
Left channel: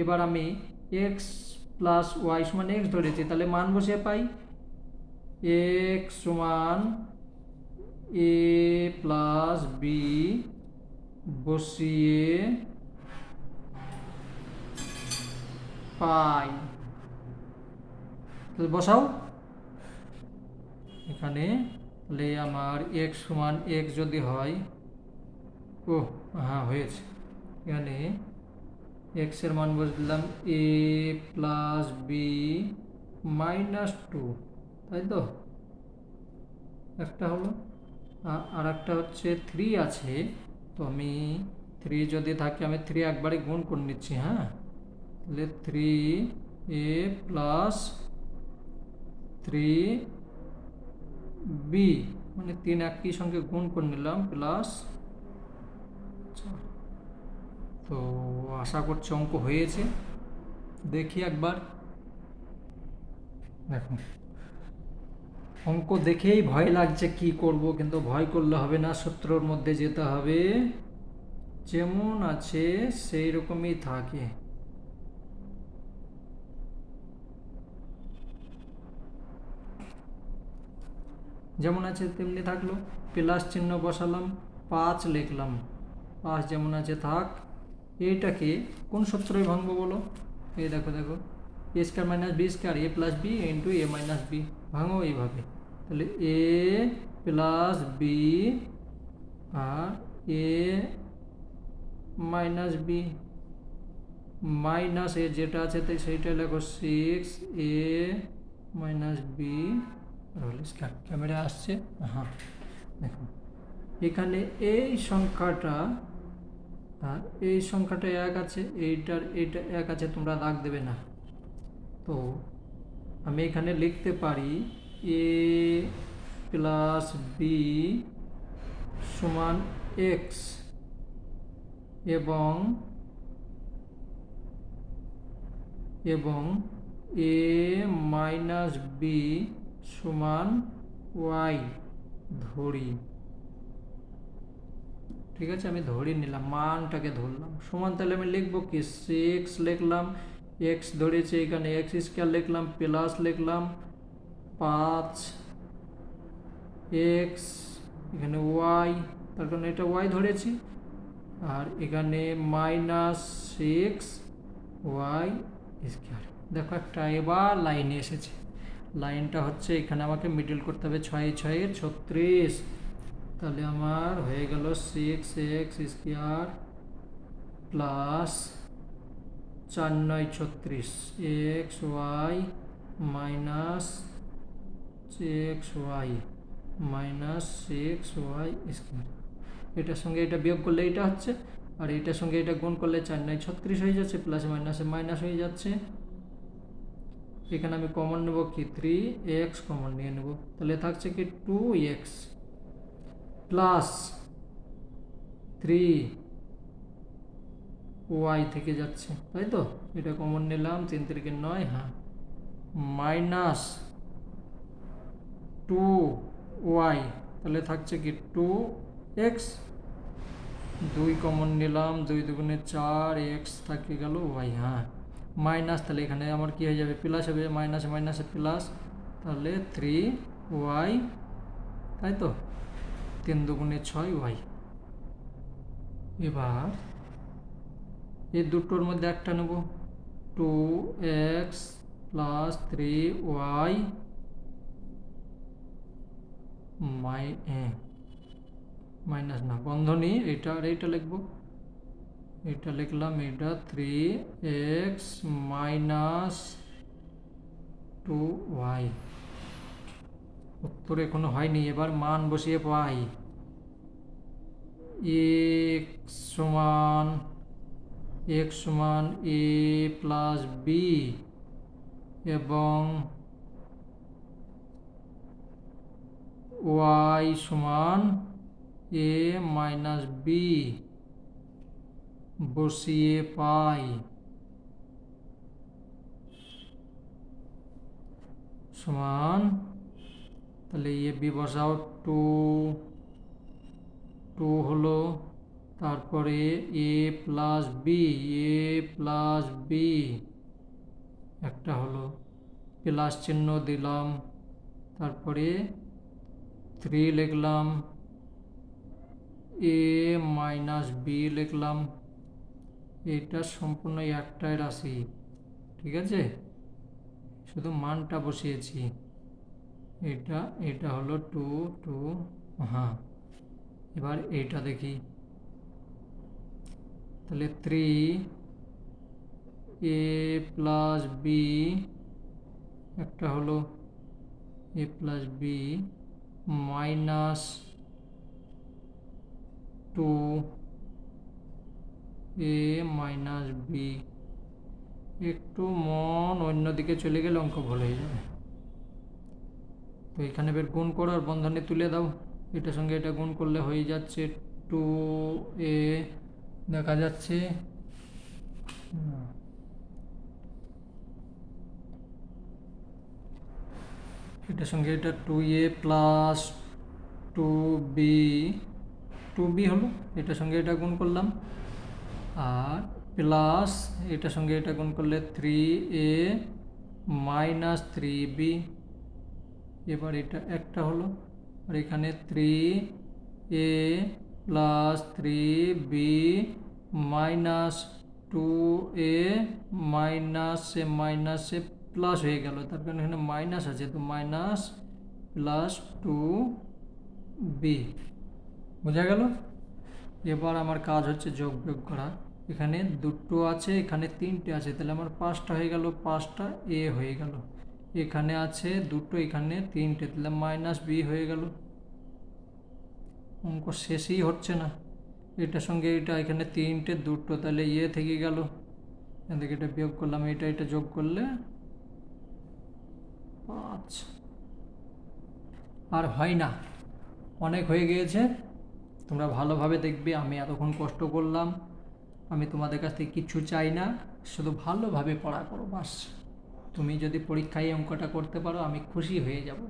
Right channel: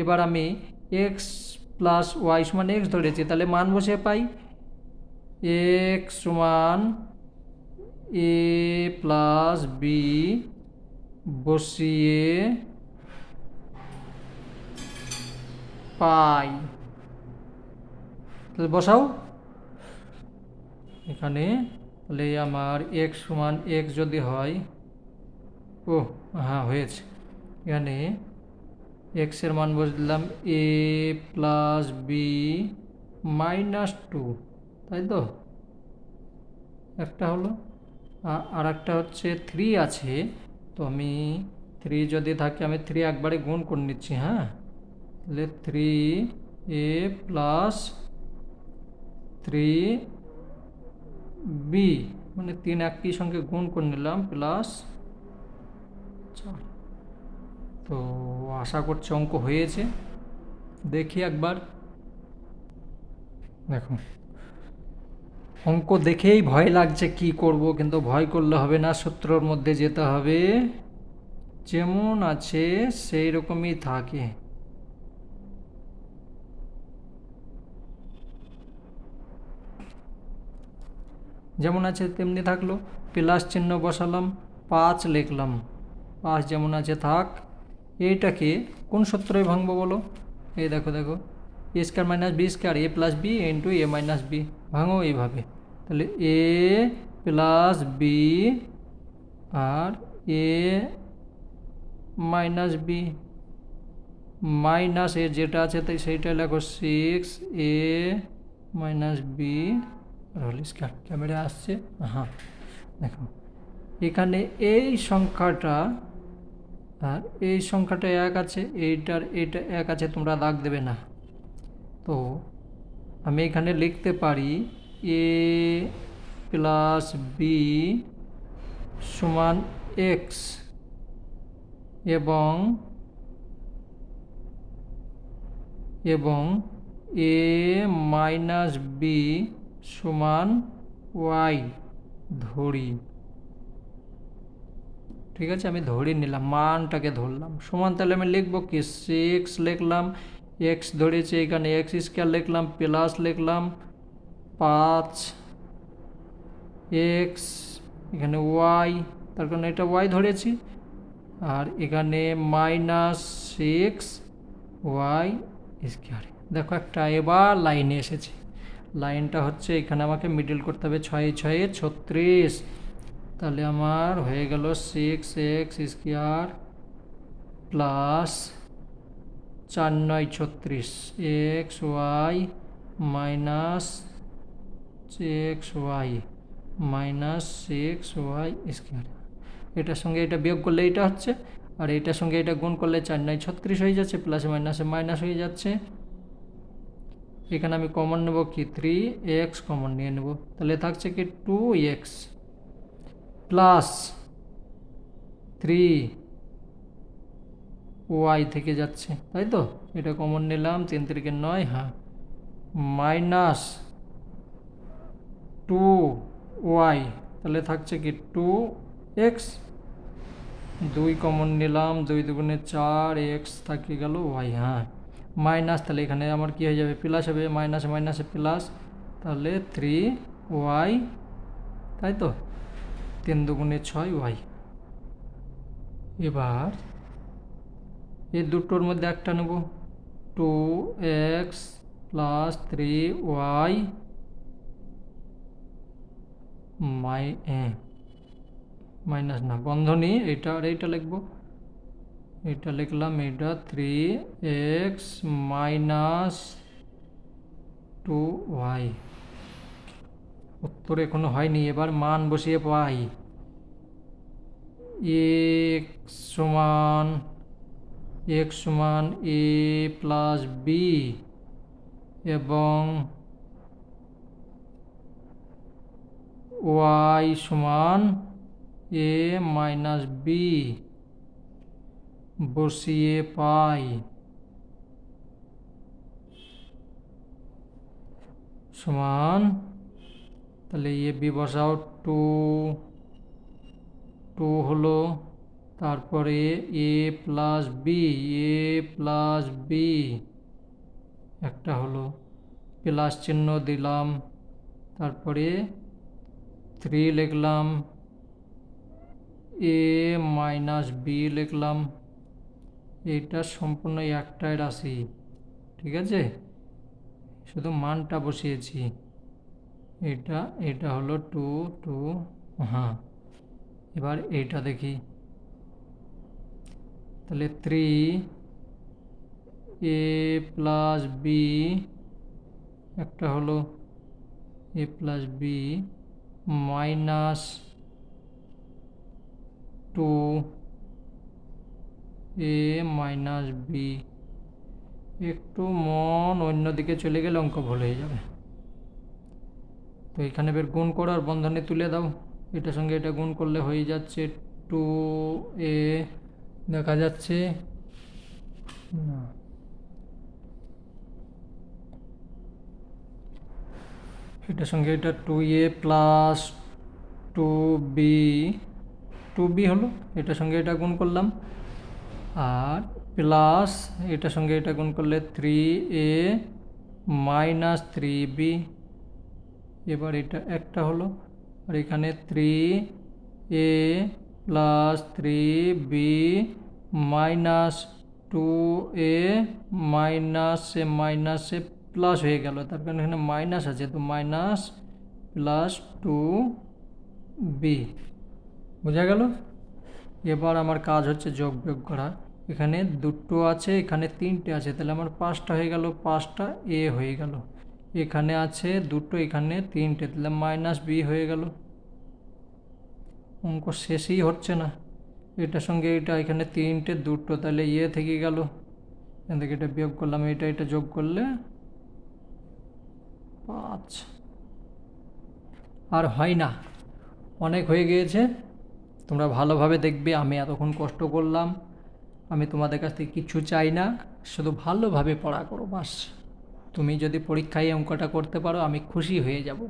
এবার আমি এক্স প্লাস ওয়াই সমান এক্স ধরেছি, তাহলে মান বসে পাই এক্স সমান এ প্লাস বি বসিয়ে পাই। তাহলে বসাও এখানে, তাহলে আমার এক্স সমান এক্স যদি হয়, ও হ্যাঁ হয়েছে, এখানে এক্সের মান বসলাম এ প্লাস বি মাইনাস টু, তাই তো একটা হলো। আর একটা হচ্ছে 3 আছে, তো আমি 3 যদি থাকে আমি 3 একবারে গুণ করে নিচ্ছি। হ্যাঁ, তাহলে 3a প্লাস 3b, মানে 3 একই সঙ্গে গুণ করে নিলাম প্লাস। তো আশা করছি অঙ্ক হয়েছে, দেখি একবার। দেখুন, অঙ্ক দেখেই ভয় লাগছে কি করব, কিন্তু ভয় করলে হবে না, সূত্রর মধ্যে যেতে হবে, যেমন আছে সেই রকমই থাকে। যেমন আছে তেমনি থাকলো, প্লাস চিহ্ন বসালাম, 5 লিখলাম, 5 যেমন আছে থাক। এইটাকে কোন সূত্রে ভাঙবো বলো? এই দেখো দেখো, a square minus b square a plus b into a minus b, ভাঙো এইভাবে। তাহলে এ প্লাস বি আর a minus b, minus a যেটা আছে তাই সেইটা লেখো 6a minus b whole square. Camera আসছে? হ্যাঁ, দেখুন এখানে এই সংখ্যাটা আর এই সংখ্যাটা এক আছে, এইটার এইটা এক আছে, তোমরা দাগ দেবে না। তো আমি এখানে লিখতে পারি এ প্লাস বি সমান এক্স এবং এ মাইনাস বি সমান ওয়াই ধরি। ঠিক আছে, আমি ধরে নিলাম, মানটাকে ধরলাম সমান, তাহলে আমি লিখবো কি 6 লিখলাম, এক্স ধরেছি এখানে এক্স স্কোয়ার লিখলাম, প্লাস লিখলাম 5 এক্স, এখানে ওয়াই, তার কারণে এটা ওয়াই ধরেছি, আর এখানে মাইনাস 6 ওয়াই স্কোয়ার। দেখো একটা এবার লাইনে এসেছে, লাইনটা হচ্ছে এখানে আমাকে মিডল করতে হবে, 6 6 36, তাহলে আমার হয়ে গেল 6x square plus 4 9 36 x y minus 6y minus 6y square. এটার সঙ্গে এটা বিয়োগ করলে এটা হচ্ছে, আর এটার সঙ্গে এটা গুণ করলে 4 9 36 হয়ে যাচ্ছে, প্লাসে মাইনাসে মাইনাস হয়ে যাচ্ছে। এখানে আমি কমন নেব কি 3x কমন নিয়ে নেব, তাহলে থাকছে কি 2x প্লাস 3y থেকে যাচ্ছে, তাই তো এটা কমন নিলাম, 3 3 9, হ্যাঁ, মাইনাস 2y, তাহলে থাকছে কি 2x, 2 কমন নিলাম, 2 দুগুণে 4, x থাকে গেল y, হ্যাঁ, মাইনাস, তাহলে এখানে আমার কি হয়ে যাবে প্লাস হবে, মাইনাসে মাইনাসে প্লাস, তাহলে 3y, তাই তো 3 দুগুণে 6y। এবার এই দুটোর মধ্যে একটা নেব, 2x প্লাস 3y মাইনাস না বন্ধনী, এটা আর এইটা লিখবো, এটা লিখলাম, এটা 3x মাইনাস 2y। উত্তর এখনো হয়নি, এবার মান বসিয়ে পাই। x সমান a প্লাস বি এবং y সমান a মাইনাস বি বসিয়ে পাই, সমান তাহলে এ বি বসাও, টু টু হলো, তারপরে এ প্লাস বি, এ প্লাস বি একটা হলো, প্লাস চিহ্ন দিলাম, তারপরে 3 লিখলাম, এ মাইনাস বি লিখলাম। এটা সম্পূর্ণ একটাই রাশি, ঠিক আছে, শুধু মানটা বসিয়েছি। এটা এটা হলো টু টু, হ্যাঁ। এবার এইটা দেখি, তাহলে 3 এ প্লাস বি একটা হলো, এ প্লাস বি মাইনাস 2 এ মাইনাস বি। একটু মন অন্যদিকে চলে গেলে অঙ্ক ভুল হয়ে যাবে। তো এখানে বের গুণ করো আর বন্ধনী তুলে দাও, এটার সঙ্গে এটা গুণ করলে হয়ে যাচ্ছে 2 এ, দেখা যাচ্ছে এটার সঙ্গে এটা 2a প্লাস 2b, 2b হলো, এটার সঙ্গে এটা গুণ করলাম, আর প্লাস এটার সঙ্গে এটা গুণ করলে 3a মাইনাস 3b। এবার এটা একটা হলো, আর এখানে 3a plus 3b minus 2a মাইনাসে মাইনাসে প্লাস হয়ে গেল, তারপর এখানে মাইনাস আছে, তো মাইনাস প্লাস 2b, বোঝা গেল। এবার আমার কাজ হচ্ছে যোগ বিয়োগ করা। এখানে দুটো আছে, এখানে তিনটে আছে, তাহলে আমার 5টা হয়ে গেল, 5টা এ হয়ে গেল। এখানে আছে দুটো, এখানে তিনটে, তাহলে মাইনাস বি হয়ে গেল। অঙ্ক শেষই হচ্ছে না, এটার সঙ্গে এটা এখানে তিনটে দুটো, তাহলে এ থেকে গেল, এদিকে এটা বিয়োগ করলাম, এটা এটা যোগ করলে 5। আর হয় না, অনেক হয়ে গিয়েছে। তোমরা ভালোভাবে দেখবে, আমি এতক্ষণ কষ্ট করলাম, আমি তোমাদের কাছ থেকে কিছু চাই না, শুধু ভালোভাবে পড়া করো বাস। তুমি যদি পরীক্ষায় অঙ্কটা করতে পারো আমি খুশি হয়ে যাব।